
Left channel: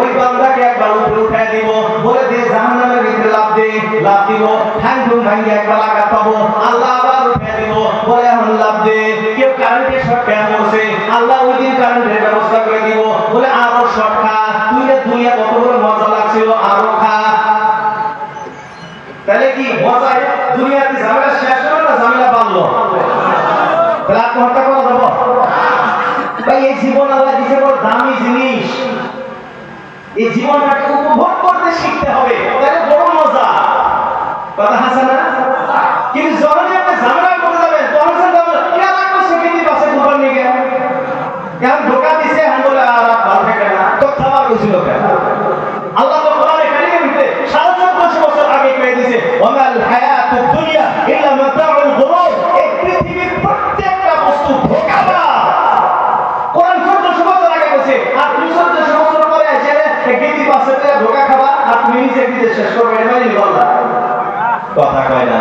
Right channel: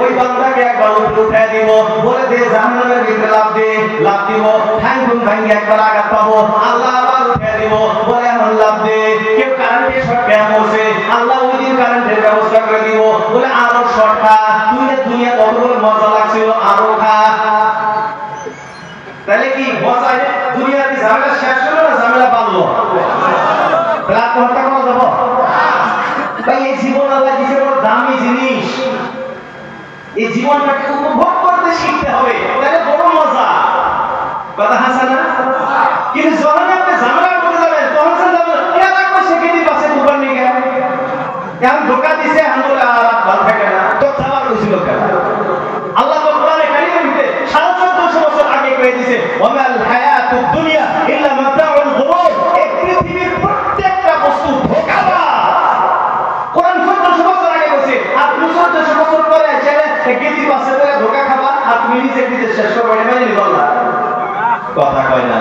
ওই বান্দাকে একবার উপরে উঠায় দিব, বলে দে জাহান্নামের ভিতরে লাফ দে, লাফ দিব, ঠ্যাং ভাঙে একবার আঘাত পাবো, আল্লাহ আবার উঠায় দিব, বলে এখন লাফ দে। কেউ কারেন্টের শর্ট খেয়ে মরছে, আল্লাহ ওই দিন কারেন্টের ব্যবস্থা করে দিব, বলে আরো শর্ট খা, তুই দুনিয়া কত বড় মজা লাগছিল, আরো খা। তাহলে কি মজা দুনিয়াতে ঝামেলা শেষ হলো না ঝামেলা বাড়লো? তাহলে আত্মহত্যা করা যাবো ভাই? এই জীবন আল্লাহ দিয়েছে বড় দামি জিনিস, এই জীবনটাকে উপভোগ করতে শিখতে হবে, তাহলে বড় মজা, কথা আছে না? কিন্তু যখনই আপনি ঝামেলা করতে যাবেন তখন সেকেন্ডই পাশে উপর নিয়ে গেল, এখন ধোকা দিছে, এখন বলে আর ভালো থাকে না, তো খাওয়া হয়েছিল কেন? আল্লাহ তো কোরআনে কারিমের ভিতরে 1450 বছর আগে কয়ে দিয়েছে, ওয়ামাল হায়াতুদ দুনিয়া ইল্লা মাতাউল গুরুর, এই পৃথিবীর প্রত্যেকটা বস্তু ধোঁকাবাজ। কোরআন 1400 বছর আগে বলছে, আর 1400 বছর পরে এসে গেদি পাশে করে ধোঁকা খাবা, আর তুমি নিজে নিজে শেষ করবে, মানে বললা কথা কয় না?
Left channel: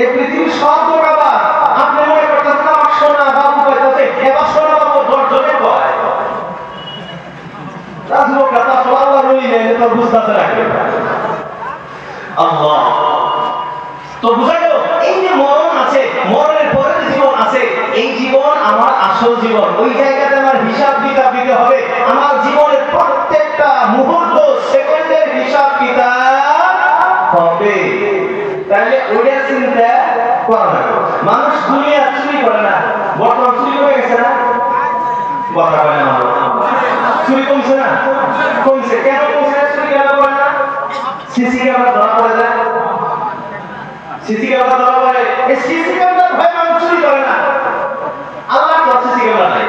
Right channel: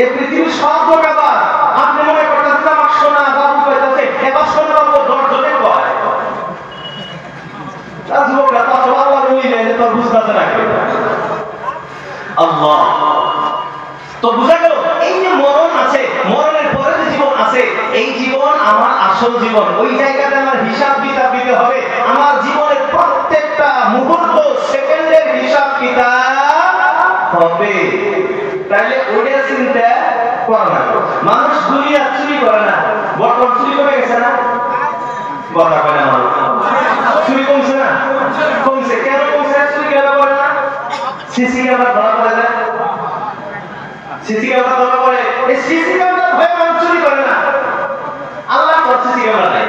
এই পৃথিবীর সব ধোঁকাবাজ। আপনি মনে করতেছেন আমার সোনা বাবু কইতাছে, এবার সোনা বাবু 10 জনে কয়, তার যুবকরা তা তো আল্লাহ রইলে তো বুঝতেছে না কেউ। আল্লাহ তো বুঝা গেল, এই যে মরণ আছে, মরণের পরে যে জীবন আছে, এই জীবন আমার আসল জীবন, ওই জায়গাতে আমার হিসাব কিতাব দিতে হবে, আমার জীবনের প্রত্যেকটা মুহূর্ত সেকেন্ডের হিসাব কিতাব হবে। তাইলে ওইটা চিন্তা করা না। মানুষ দুনিয়া চুরি করে না, বর্তমান চুরি কমে গেছে না? কথা বলে না, চুরি কমছে না? কমছে। কেন কমছে? চুরি কেন করে না? সিসি ক্যামেরা ধরা পড়ে যায়, সিসি ক্যামেরা ধরা পড়ে, এই সিসি ক্যামেরা ভয় মানুষ চুরি করে না। আল্লাহ করছে সিসি ক্যামেরা নাই।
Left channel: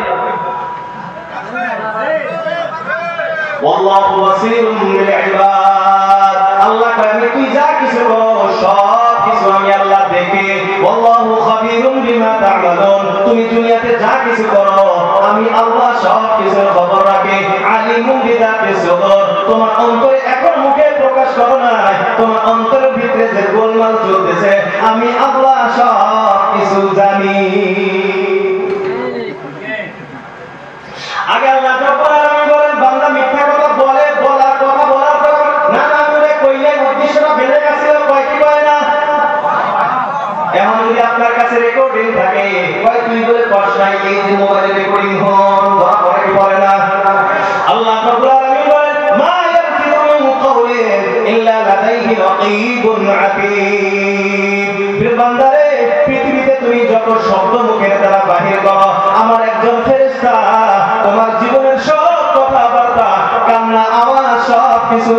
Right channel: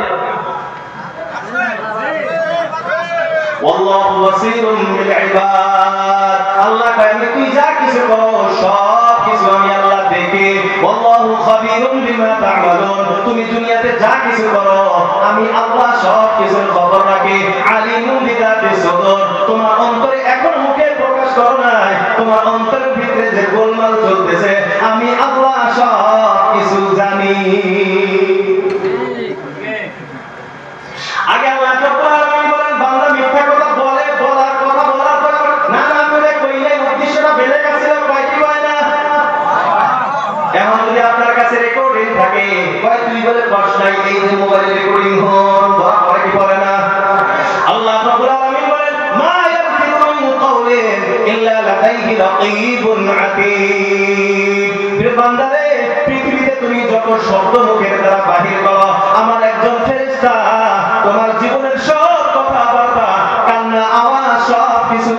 ওয়াল্লাহু বাসীরুন বিল ইবাদ, আল্লাহ কয় তুই যা কিছু করো সব কিছু আমি আল্লাহ দেখি। ওয়াল্লাহু খাবীরুম বিমা তা'মালুন, তুমি দুনিয়াতে যা কিছু করো আমি আল্লাহ সব কিছুর খবর রাখি। আলিমুম বিযাতিস সুদূর, তোমার অন্তরে এখন মুখে প্রকাশ করো না, তোমার অন্তরের ভিতরে যে গোলমাল চলতেছে আমি আল্লাহ সব কিছু জানি। আগে আল্লাহ বলেন বান্দা মিথ্যা কথা বলে, বলার কথা বলার পর না না করে কইলে উদ্দেশ্যটা বেড়ে যাচ্ছে, কয়টি বলে না? এখন যদি আপনার কাছে রেকর্ডিং থাকে, কয় তুই বলে কষ্ট নাই, এই যে মোবাইলে রেকর্ডিং হন ধরা পড়ে কি পড়ে না? আল্লাহ রাব্বুল আলামিন বলেন মা ইয়ারফিউ মিন কাওলিন ইল্লা লাদাইহি রাকীবুন আতীদ। বান্দারে পৃথিবীতে তুমি যত শব্দ মুখের দ্বারা বাহির করো, আমার একজন ফেরেশতা তোমার জীবনের সব কথাবার্তা, কান্না, আওয়াজ সব কিছু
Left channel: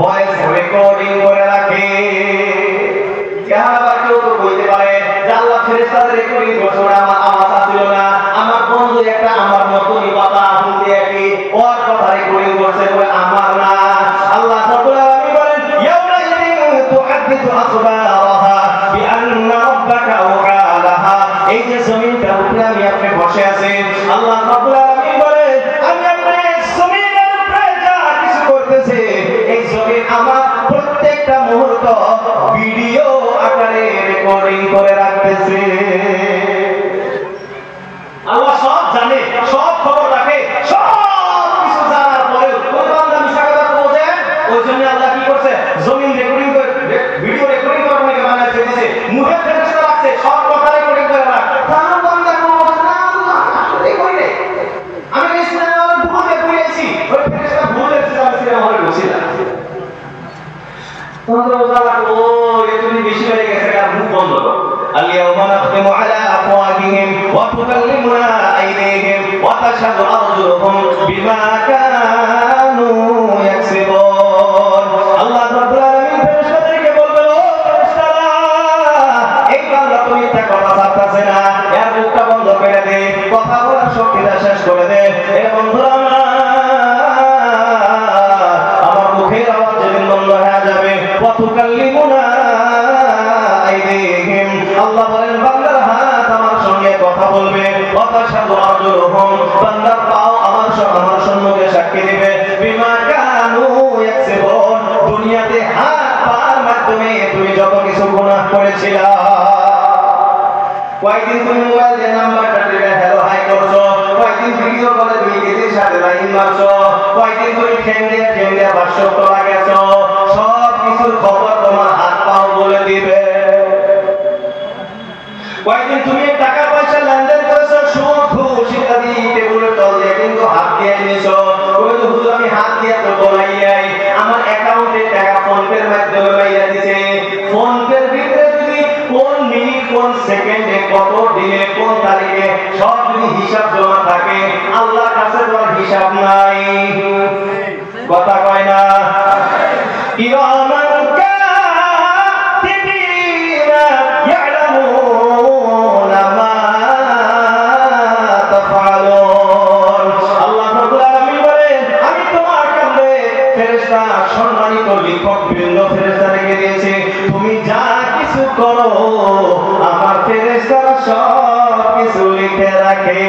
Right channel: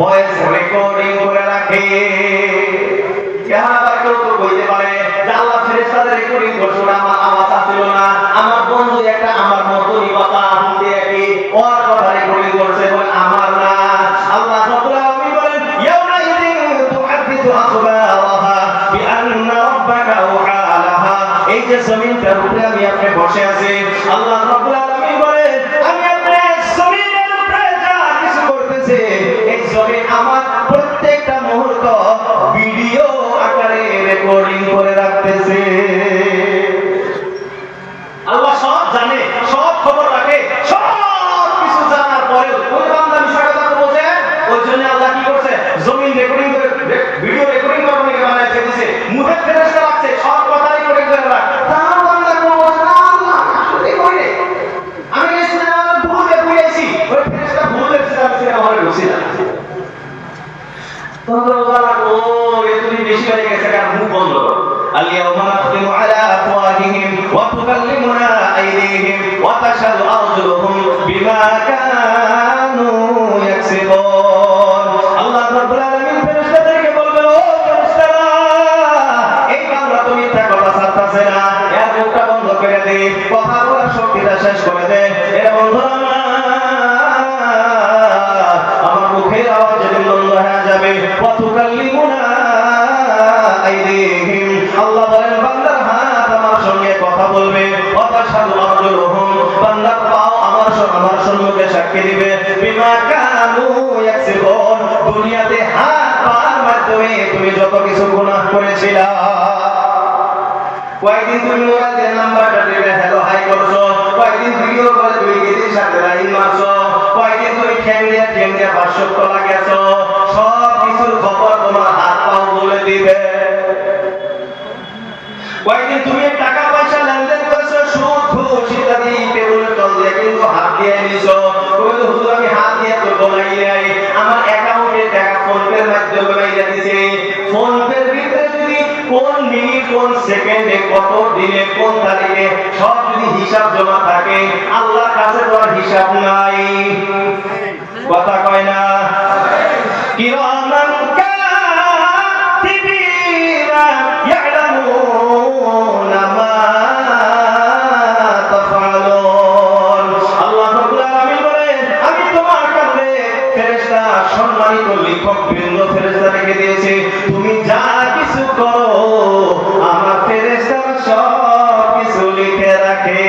ভয়েস রেকর্ডিং করে রাখে। কেউ তো কইতে পারে যে আল্লাহ ফেরেশতাদের রেকর্ডিং করছে, আমার আওয়াজ আসছিল না, আমার বন্ধু একটা আমার মতই কথা শুনতে একই ওর কথা রেকর্ডিং করছে, বলে আমার না। আল্লাহ রাব্বুল আলামিন বলেন জমিনটার উপরে আমি আপনি বসে আছি, আল্লাহ রাব্বুল আলামিন বলে আমি আপনি জমিনের উপরে যা কিছু করতেছি এই জমিন আমার প্রত্যেকটা মুহূর্ত ভিডিও আকারে রেকর্ডিং করে রাখতেছে। আল্লাহ সব জানে, সব খবর রাখে, সব কিছু জানার পরেও কোন বান্দা মিথ্যা কথা বলছে, ওই জন্য আল্লাহ কি করছে, জমিন রেকর্ডিং করে ভিডিও রেকর্ডিং করে আমাকে বানায় দিয়েছে, মুখে ফেরেশতা রাখছে, সব কথা রেকর্ডিং করে রাখ। তার বান্দা বলছে না আল্লাহ এই করে আমি ইসলাম ভুলে বুঝাইছি, ওই ফেরেশতা ভুলে সিস্টেম থেকে আমার বসিলা তোমরা বলা ও এই তুমি বেশি করে গেছে আর মুখ বন্ধ করো। আল-ইয়াওমা নাখতিমু আলা আফওয়াহিহিম ওয়া তুকাল্লিমুনা আইদিহিম ওয়া তাশহাদু আরজুলুহুম বিমা কানু ইয়াকসিবুন। আল্লাহ রাব্বুল আলামিন ফেরেশতাদেরকে বললেন ও ফেরেশতারা এই বান্দা তো মিথ্যা কথা ছাড়তাছে না, এর মুখটা বন্ধ করে দে, কথা বলার শক্তিটা শেষ করে দে। এর বন্ধুরা আমার মুখের আওয়াজ যেদিন বন্ধ হয়ে যাবে ওয়া তুকাল্লিমুনা আইদিহিম, আল্লাহ বলেন বান্দার হাত আমার সঙ্গে কথা বলবে, ওয়া তাশহাদু আরজুলুহুম বান্দার পাও আমার সম্মুখে সাক্ষী দিবে, বিমা কানু ইয়াকসিবুন দুনিয়াতে হাত পার মাধ্যমে তুমি যত কিছু গুনাহ করেছিলা। কয়েকদিন তুমি মোবাইল দিয়ে নাম্বারটা টিপে হ্যালো হাই করছো, কয়েকদিন ভিডিও কলে তুমি গেটের সাথে লাইন মারছো, কয়েকদিন তুমি ঠেঙ্গিয়া ভাষ্য তোলা গেছো, সব কিছুর খবর তোমার হাত পাও বলে দিবে। কয়েকদিন তুমি টাকা পয়সা লেনদেন করেছো, সুদ ঘুষ ইত্যাদি টেবিলের তল দিয়ে কিন্তু হাত দিয়ে নিয়েছো, তুমি তো হুজুর আমি হাত দিয়ে তো বলাই নাই, আমার অ্যাকাউন্টে টাকা ফোনপের মাধ্যমে মাইরা দিছে, ফোনপের ভিতরে যদি কোন মিনিট কোন সেকেন্ডে কত দিনে কোন তারিখে সব যদি হিসাব জমা থাকে আল্লাহর কাছে কোনো হিসাব নাই। কথা কয় না কিরামান কাতিবিনা ইয়ালামুনা মা তাফআলুন। আল্লাহ রাব্বুল আলামিন বলেন আমি তোমার কাছে ফেরেশতা সম্মানিত লিখক বৃন্দ ফেরেশতা রেখে দিয়েছি, তুমি যা কিছু করো আমার ফেরেশতারা সব কিছু লিখে রাখে।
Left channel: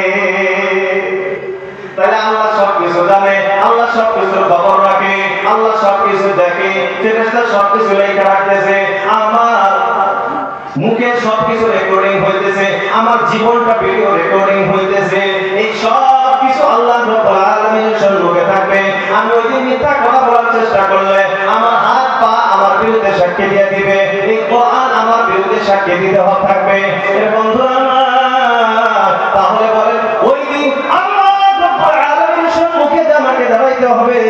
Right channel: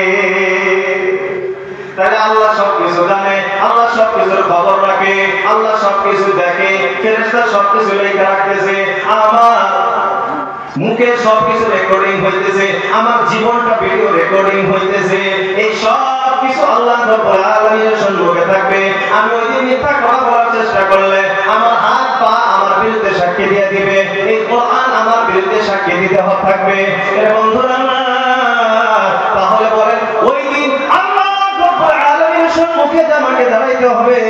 তাহলে আল্লাহ সব কিছু জানে, আল্লাহ সব কিছুর খবর রাখে, আল্লাহ সব কিছু দেখে, ফেরেশতা সব কিছু লিখে রাখতেছে, আমার মুখে সব কিছু রেকর্ডিং হইতেছে, আমার জীবনটা ভিডিও রেকর্ডিং হইতেছে, এই সব কিছু আল্লাহ রাব্বুল আলামিনের সম্মুখে থাকবে। আমি ওই দিন মিথ্যা কথা বলার চেষ্টা করলে আমার হাত পা আমার বিরুদ্ধে সাক্ষী দিয়ে দিবে, এই কোরআন আমার বিরুদ্ধে সাক্ষী দিতে থাকবে। এর বন্ধুরা তাহলে বলেন ওই দিন আল্লাহ রাব্বুল আলামিনের সম্মুখে আমাকে দাঁড়াইতে হবে,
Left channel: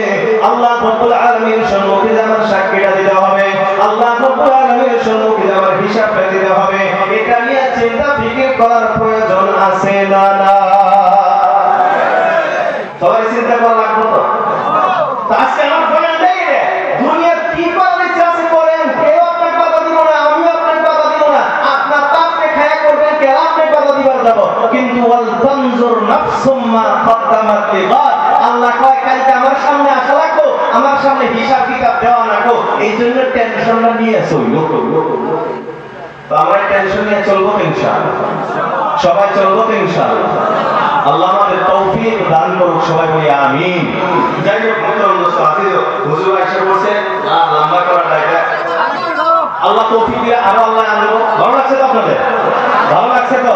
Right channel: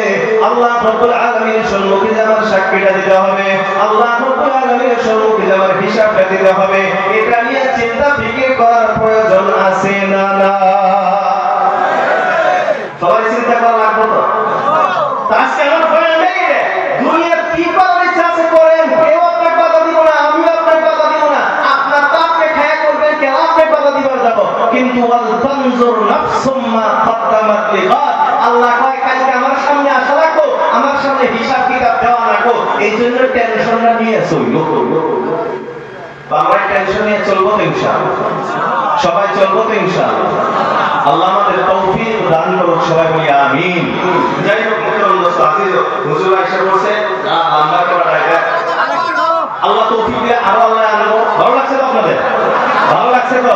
আল্লাহ রাব্বুল আলামিনের সম্মুখে আমার সাক্ষীটা দিতে হবে, আল্লাহ রাব্বুল আলামিনের সম্মুখে আমার হিসাবটা দিতে হবে। এটা নিয়ে চিন্তা ফিকির করার প্রয়োজন আছে না? না, সবাই চিন্তা করা লাগবে তো। আজকে আমার বলেন নেই রে দুনিয়ার কি করার ইচ্ছা আছে করেন, কেউ আপনার কথা দিব না, আমি আপনার কথা দিব না, আপনার পাপকে খায়া করবেন, কেউ আপনার কথা দিবার যাব, কিন্তু ওয়াল তানজুর নাফসুম মা কদ্দামাত লিগাদ। আল্লাহ কয় কালকে আমার সামনে আসা লাগবে, আমার সামনে হিসাব কিতাব দেওয়া লাগবে, এই জন্য টেনশন নিয়ে চললো। তো আমরা টেনশন নিয়ে চলবো তো ইনশাআল্লাহ, সবাই চলবো তো ইনশাআল্লাহ। আল্লাহ আমাদের তৌফিক দান করুক, সবাই বলি আমিন। যাই হোক হুজুর এসে বলছে লম্বা করা এটা আল্লাহ তৌফিক দিয়ে আরো আল্লাহ আনবো। ভালো লাগছে তো আপনাদের? ভালো লাগছে তো?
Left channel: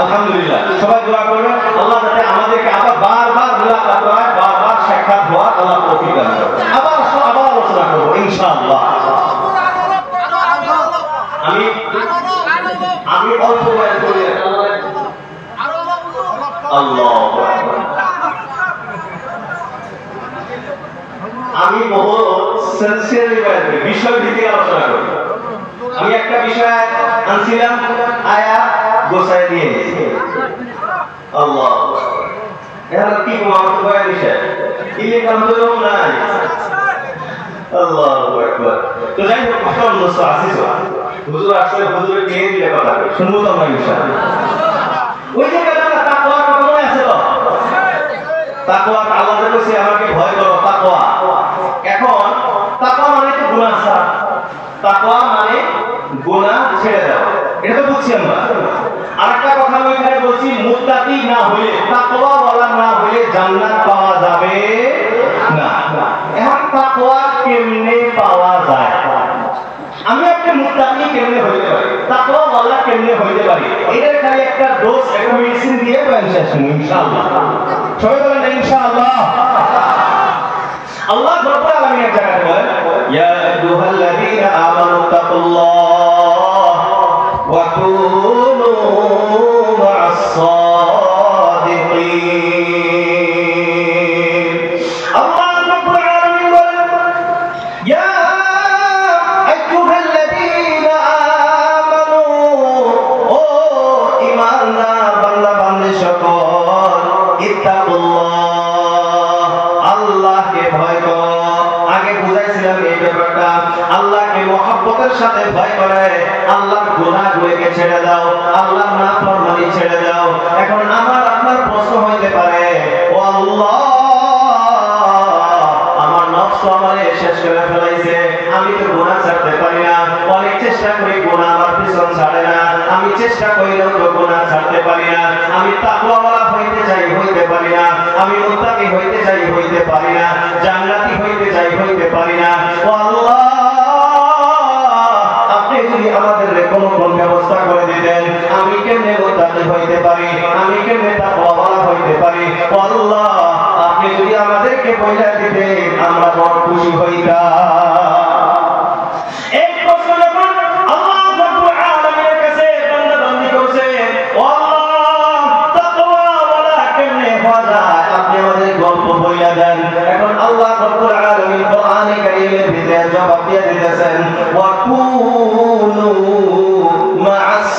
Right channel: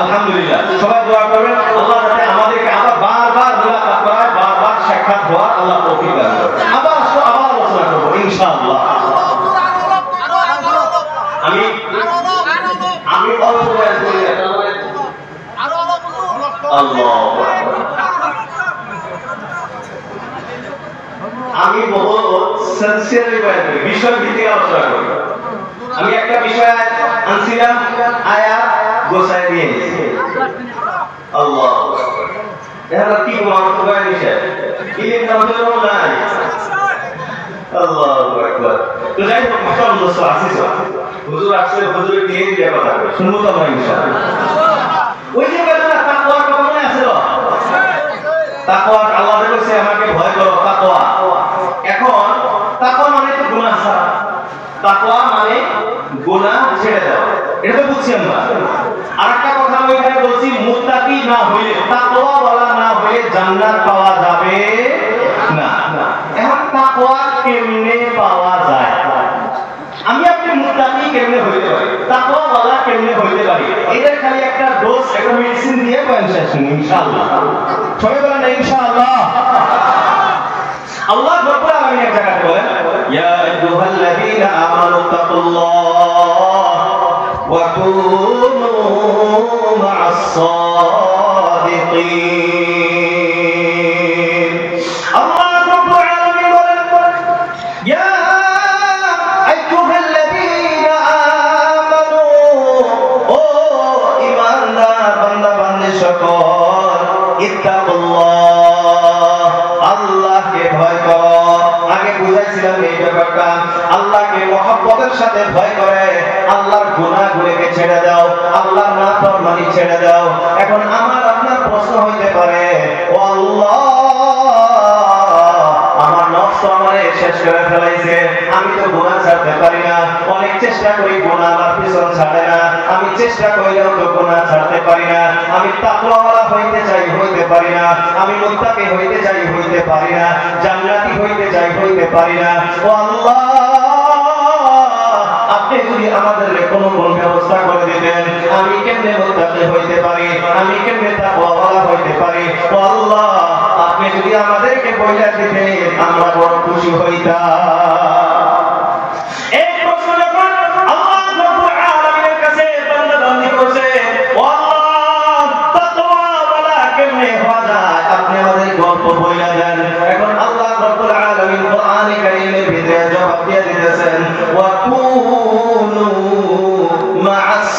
আলহামদুলিল্লাহ। সবাই দোয়া করবেন আল্লাহ যাতে আমাদেরকে আবার বারবার মুলাকাত করায়, বারবার সাক্ষাৎ হওয়ার আল্লাহ তৌফিক দান করেন। আবার আলোচনা করবো ইনশাআল্লাহ। আমি অল্প বয়ান করি, আমি বহু সিনসিয়ারলি বয়ান করি, বিষয় ভিত্তিক আলোচনা করি। আমি একটা বিষয় আনছিলাম, আয়াত গোছায় দিয়ে নিয়েছি। আল্লাহ এখন কি বয়ান বিষয় ইলের নাম তো নাই। আল্লাহু আকবার। তো যাই হোক কখন দোস্ত আসিস হুজুর আসলে হুজুরের নিয়ে দিয়ে কথা শুনবো তো আমরা ইনশাআল্লাহ। ওই যে তাকওয়ার কথা মনে আছে তো? তাকওয়া আল্লাহ বলেছে আমাকে ভয় করো, তাকওয়া। এখন তাকওয়া মানে তো গুনাহ ছাড়া, তাকওয়া মানে গুনাহ ছেড়ে দাও, এটা তো বুঝছি আমরা। আরেকটা কথা আমি ওইখানে বলছি মুত্তাকি না হইলে, তাকওয়াওয়ালা না হইলে জান্নাত পাওয়া যাবে না। এখন তাকওয়া কেমনে পাওয়া যায়? আমি আপনি মুত্তাকি কেমনে হইতে পারি, তাকওয়াওয়ালা কেমনে হইতে পারি, এটার খালি একটা ডোজ, একটা মেডিসিন দিয়ে পয়েন্ট শেষ ইনশাআল্লাহ। সবাই বলেন ইনশাআল্লাহ। আল্লাহ রাব্বুল আলামিন এক জায়গায় বলেন, ইয়া আইয়ুহাল্লাযীনা আমানু তাকুল্লাহ ওয়া কুনু মা'আস সাদিকিন। আল্লাহ রাব্বুল আলামিন বলেন, ইয়া আইয়ুহাল্লাযীনা আমানু, ও ঈমানদার বান্দা বান্দী সকল, ইত্তাকুল্লাহ, আল্লাহকে ভয় করো। আগে বুঝাইছিলাম এই ব্যাপারটা, আল্লাহকে মহব্বতের সাথে ভয় করে আল্লাহর গুনাহগুলোকে ছেড়ে দাও, আল্লাহর নাফরমানি ছেড়ে দাও। এখন আমার আপনার প্রশ্ন হইতে পারে, ও আল্লাহ, আমার নফস আমারে শেষ করে ফেলাইছে, আমি তো গুনাহ ছাড়তে পারি না, অনেক চেষ্টা করি গুনাহ আমার পিছন ছাড়ে না, আমি চেষ্টা করিলেও তো গুনাহ ছাড়তে পারি না, আমি তাকওয়াওয়ালা হইতে চাই হইতে পারি না, আমি মুত্তাকি হইতে চাই হইতে পারি না, জান্নাতি হইতে চাই হইতে পারি না। ও আল্লাহ, আপনি যদি আমাদের কোনো ব্যবস্থা করে দিতেন, আমি কেমনে মুত্তাকি হইতে পারি, আমি কেমনে তাকওয়াওয়ালা হইতে পারি। ও আল্লাহ, আপনি যদি আমাদেরকে বইলা দিতেন, আমরা বড় খুশি হইতাম। এই প্রশ্ন যখন আল্লাহ রাব্বুল আলামিনের কাছে বান্দা বান্দি করেছে, ও আল্লাহ, তাকওয়াওয়ালা কেমনে হওয়া যায়, আপনি আমাদের গল্প বইলা দেন। এখন আল্লাহ রাব্বুল আলামিন কোরআনে কারীমের ভিতরে জবাব দিয়ে দিতেছেন, ওয়া কুনু মা'আস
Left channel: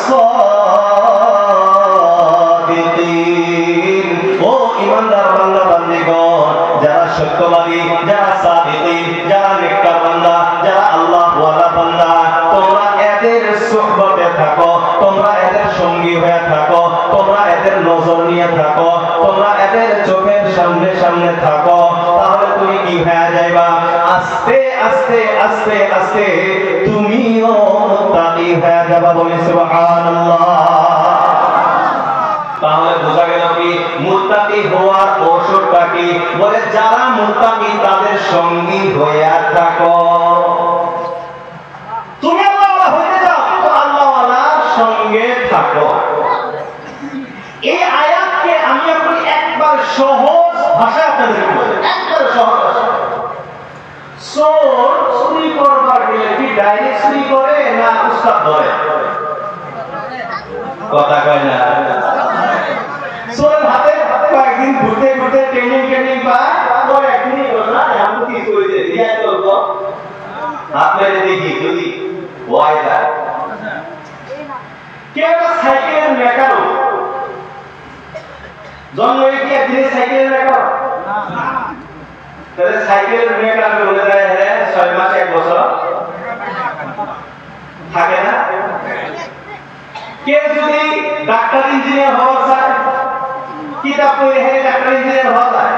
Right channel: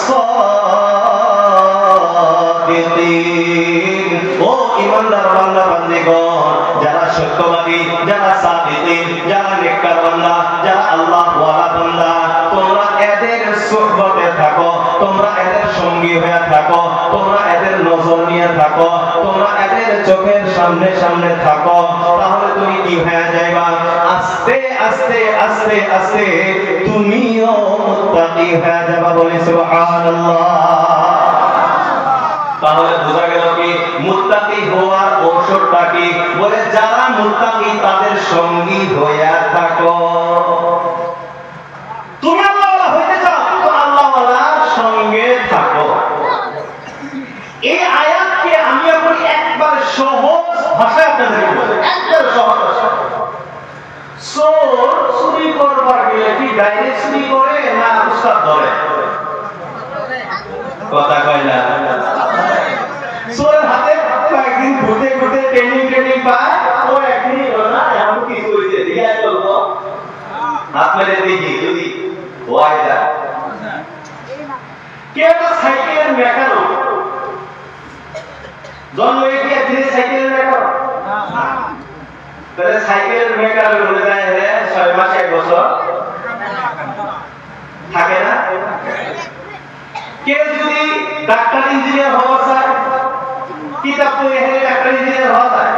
সাদিকিন। ও ঈমানদার বান্দা বান্দিগণ, যারা সত্যবাদী, যারা সাদিকিন, যারা নেককার বান্দা, যারা আল্লাহ ওয়ালা বান্দা, তোমরা এদের সুহবতে থাকো, তোমরা এদের সঙ্গী হয়ে থাকো, তোমরা এদের নজর নিয়ে থাকো, তোমরা এদের চোখের সামনে সামনে থাকো, তাহলে তুমি কি হয়ে যাইবা, আস্তে আস্তে আস্তে আস্তে তুমিও মুত্তাকি হয়ে যাবা। বলি সুবহানাল্লাহ। তাহলে বোঝা গেল কি মুত্তাকি হওয়ার ঔষধটা কি? বলে যারা মুত্তাকি তাদের সঙ্গী হয়ে থাকো। তুমি আল্লাহওয়ালা হইতে চাও তো আল্লাহওয়ালার সঙ্গে থাকো। এই আয়াতকে আমি এখন একবার সহজ ভাষায় আপনাদের বলি, একবার সহজ ভাষা। চোর চুরি করবার গেলে কি ডাইরেক্ট চুরি করে না উস্তাদ ধরে? কথা কয় না। চোরের হাতে কয়েকদিন ঘুরতে ঘুরতে ট্রেনিং পায়, ও একদিনই হলো না, এমন কি করেছে রিয়াজ করবো, হাত মেরে দেখি যদি হয় যায়। কে একটা সাইকেলের মেকারো, জন্ম কি একদিনে সাইকেলের মেকারো? তাহলে সাইকেলের মেকারো বলে যায় 6 মাস 1 বছর থাকে না। কে যদি ডাক্তার ইঞ্জিনিয়ার হওয়া চায়, কিতাব পড়ে ডাক্তার ইঞ্জিনিয়ার হওয়া যায়।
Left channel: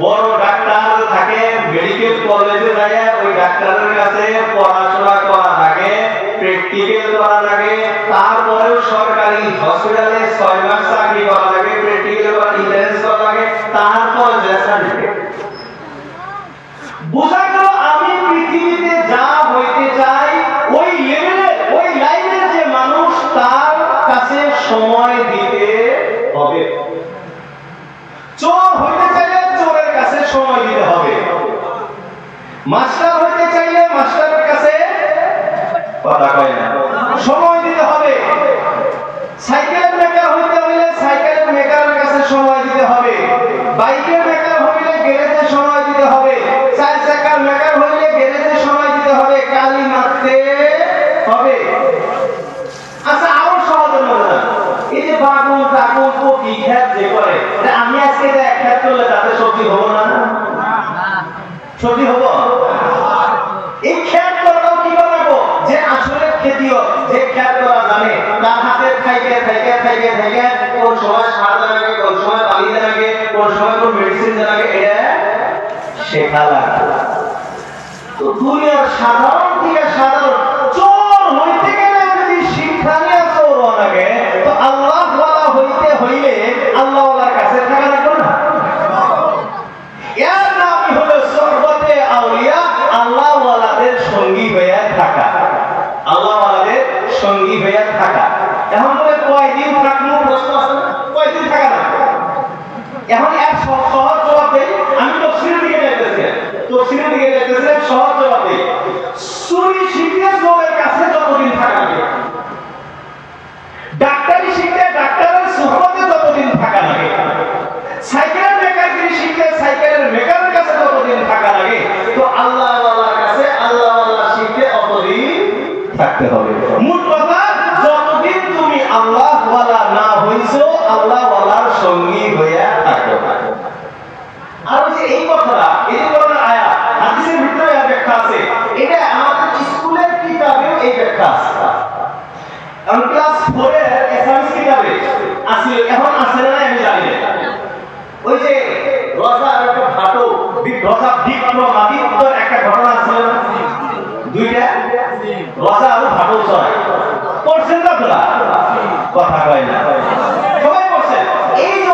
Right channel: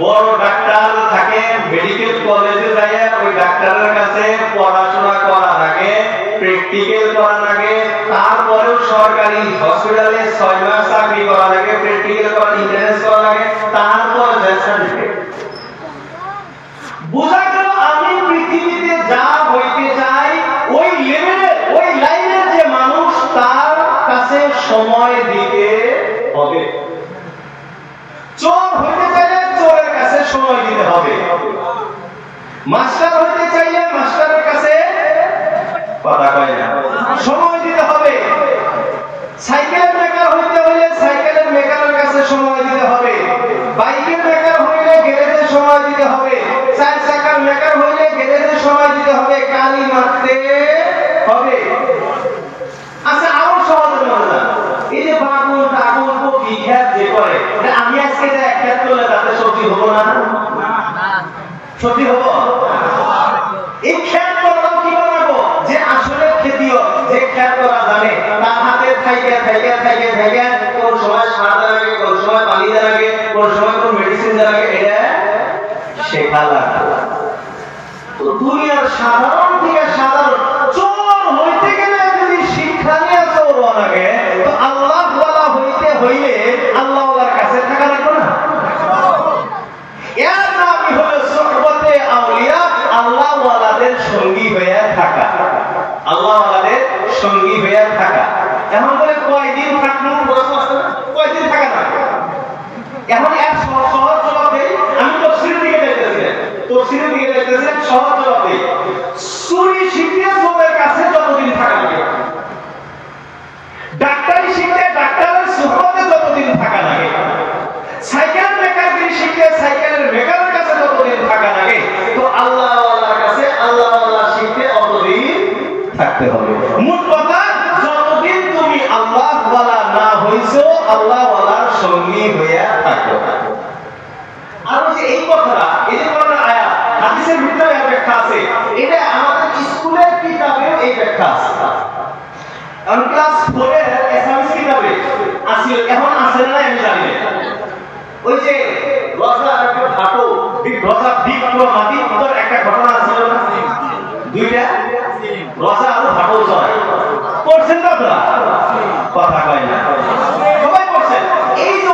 বড় ডাক্তার থাকে, মেডিকেল কলেজে যায়, ওই ডাক্তারের কাছে পড়াশোনা করা থাকে, প্র্যাকটিক্যাল করা লাগে, তারপরেও সরকারি হসপিটালে 6 মাস চাকরি করা লাগে, প্র্যাকটিক্যাল করা, ইন্টারেন্স করা লাগে, তারপরে সার্টিফিকেট। বোঝা গেল আমি পৃথিবীতে যা হইতে চাই ওই লেভেলের, ওই লাইনের যে মানুষ, তার কাছে সময় দিতে হবে। চোর হইতে চাইলে চোরের কাছে সময় দিতে হবে, মাস্টার হইতে চাইলে মাস্টারের কাছে কথা কয় না সময় দিতে হবে, সাইকেল মেকার হইতে হইলে সাইকেলের মেকারের কাছে সময় দিতে হবে, বাইকের মেকার হইলে গ্যারেজে সময় দিতে হবে, 4 চাকার মেকার হইলে গ্যারেজে সময় দিতে হবে, কালি মারতে হবে। আচ্ছা, আরো সহজ মনে এই যে বাগুন টাগুন কপি খেত যে করে, আমি আজকে যে এক খেত করলে তাতে সবজি হবো না? সবজি হবো? এই খেত করাও কি করবো যে আসলে খেতিও যে খেত করা জানে, তার হাতে খাইকে খাইকে খাইকে খাইকে কোন সময় সার দেওয়া লাগে, কোন সময় পানি দেওয়া লাগে, কোন সময় কোন মেডিসিন দেওয়া লাগে, এটা শেখা লাগে। দুনিয়ার সাধারণ থেকে সাধারণ চোর হইতে গেলে যদি শিক্ষা নিয়ে এখন বলে কয়দিন থাকলো, প্রশ্ন আসছে না, কয়দিন থাকা না। এখন এক সহজ জবাব দেই, আমি তো সিঁড়ি দিকে যাইতেছি, সহজ জবাব দেই, চুরি শিখতে চোরের কাছে যতদিন থাকা লাগে, ডাক্তারি শিখতে ডাক্তারের সুহবতে যতদিন থাকা লাগে, সাইকেল মেকানিক শিখতে সাইকেলের মেকারের কাছে যতদিন থাকা লাগে, তো আল্লাহ ওয়ালার কাছে আল্লাহ ওয়ালা শিখতে অতদিন থাকতে হবে। মূল কথা, যতদিন তুমি আল্লাহ ওয়ালা না হইছো, আল্লাহ ওয়ালার সঙ্গী হইয়া থাকো। আর হচ্ছে এই কথাটা, এই যে কোরআনের আয়াত, হাদিসের ভিতরে এর ব্যাখ্যা আছে, এটা আমাদের স্কুলের কিতাবেও এই ব্যাখ্যা আছে। আমি ক্লাস 4 এর ইসলামিক কিতাবে আছে, এখন আছে না আমি জানি না। ওই যে রজা আর একটা ভাটো, রজা বিক্রমাদিত্যর একটা ঘটনা আছে না, দুইটা রজা আর ভাটো চড়ায়, পড়ছেন না আপনারা? কথা কয় না, সবাই পড়ছেন। এই যে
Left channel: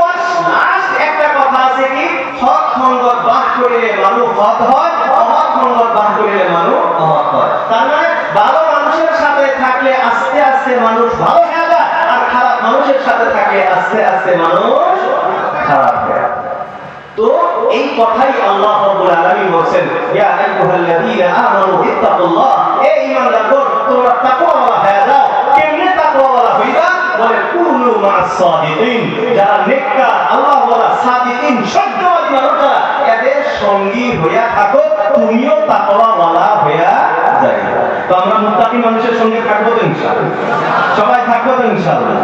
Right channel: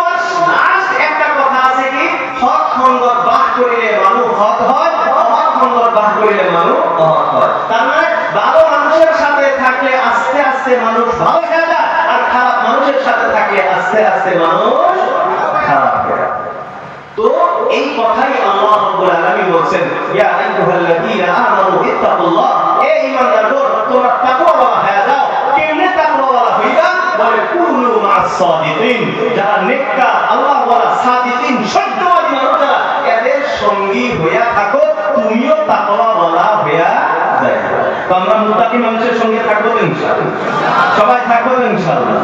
লাস্ট একটা কথা আছে কি, হক সঙ্গত বাস করিলে মানুষ হক হয়, অহৎ সঙ্গত বাস করিলে মানুষ অহৎ হয়। তার মানে ভালো মানুষের সাথে থাকলে আস্তে আস্তে মানুষ ভালো হয়ে যায়, আর খারাপ মানুষের সাথে থাকলে আস্তে আস্তে মানুষ খারাপ হয়ে যায়। তো এই কথাই আল্লাহ রাব্বুল আলামিন বলেন, ইয়া আইয়ুহাল্লাযীনা আমানু ইত্তাকুল্লাহ, হে ঈমানদারগণ তোমরা তাকওয়াওয়ালা হয়ে যাও। কেমনে তাকওয়াওয়ালা হইবা? বলে কুনু মা'আস সাদিকিন, যারা নেককার আল্লাহওয়ালা সাদিকিন সত্যবাদী মানুষরা, এদের সঙ্গী হইয়া থাকো, তুমিও তাকওয়াওয়ালা হইয়া যাইবা। তো আমরা মুত্তাকি মানুষের সঙ্গে থাকবো তো ইনশাআল্লাহ, সবাই থাকবো তো ইনশাআল্লাহ।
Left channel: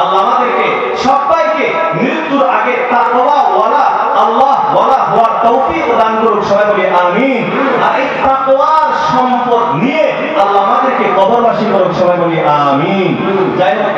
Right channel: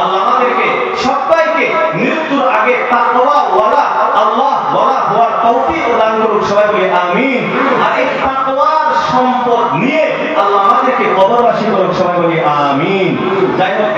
আল্লাহ আমাদেরকে সবাইকে মৃত্যুর আগে তাকওয়াওয়ালা আল্লাহ ওয়ালা হওয়ার তৌফিক দান করুন, সবাই বলি আমিন। আর এই তাকওয়ার সম্পদ নিয়ে আল্লাহ আমাদেরকে কবরবাসী করুন, সবাই বলি আমিন। যাই হোক।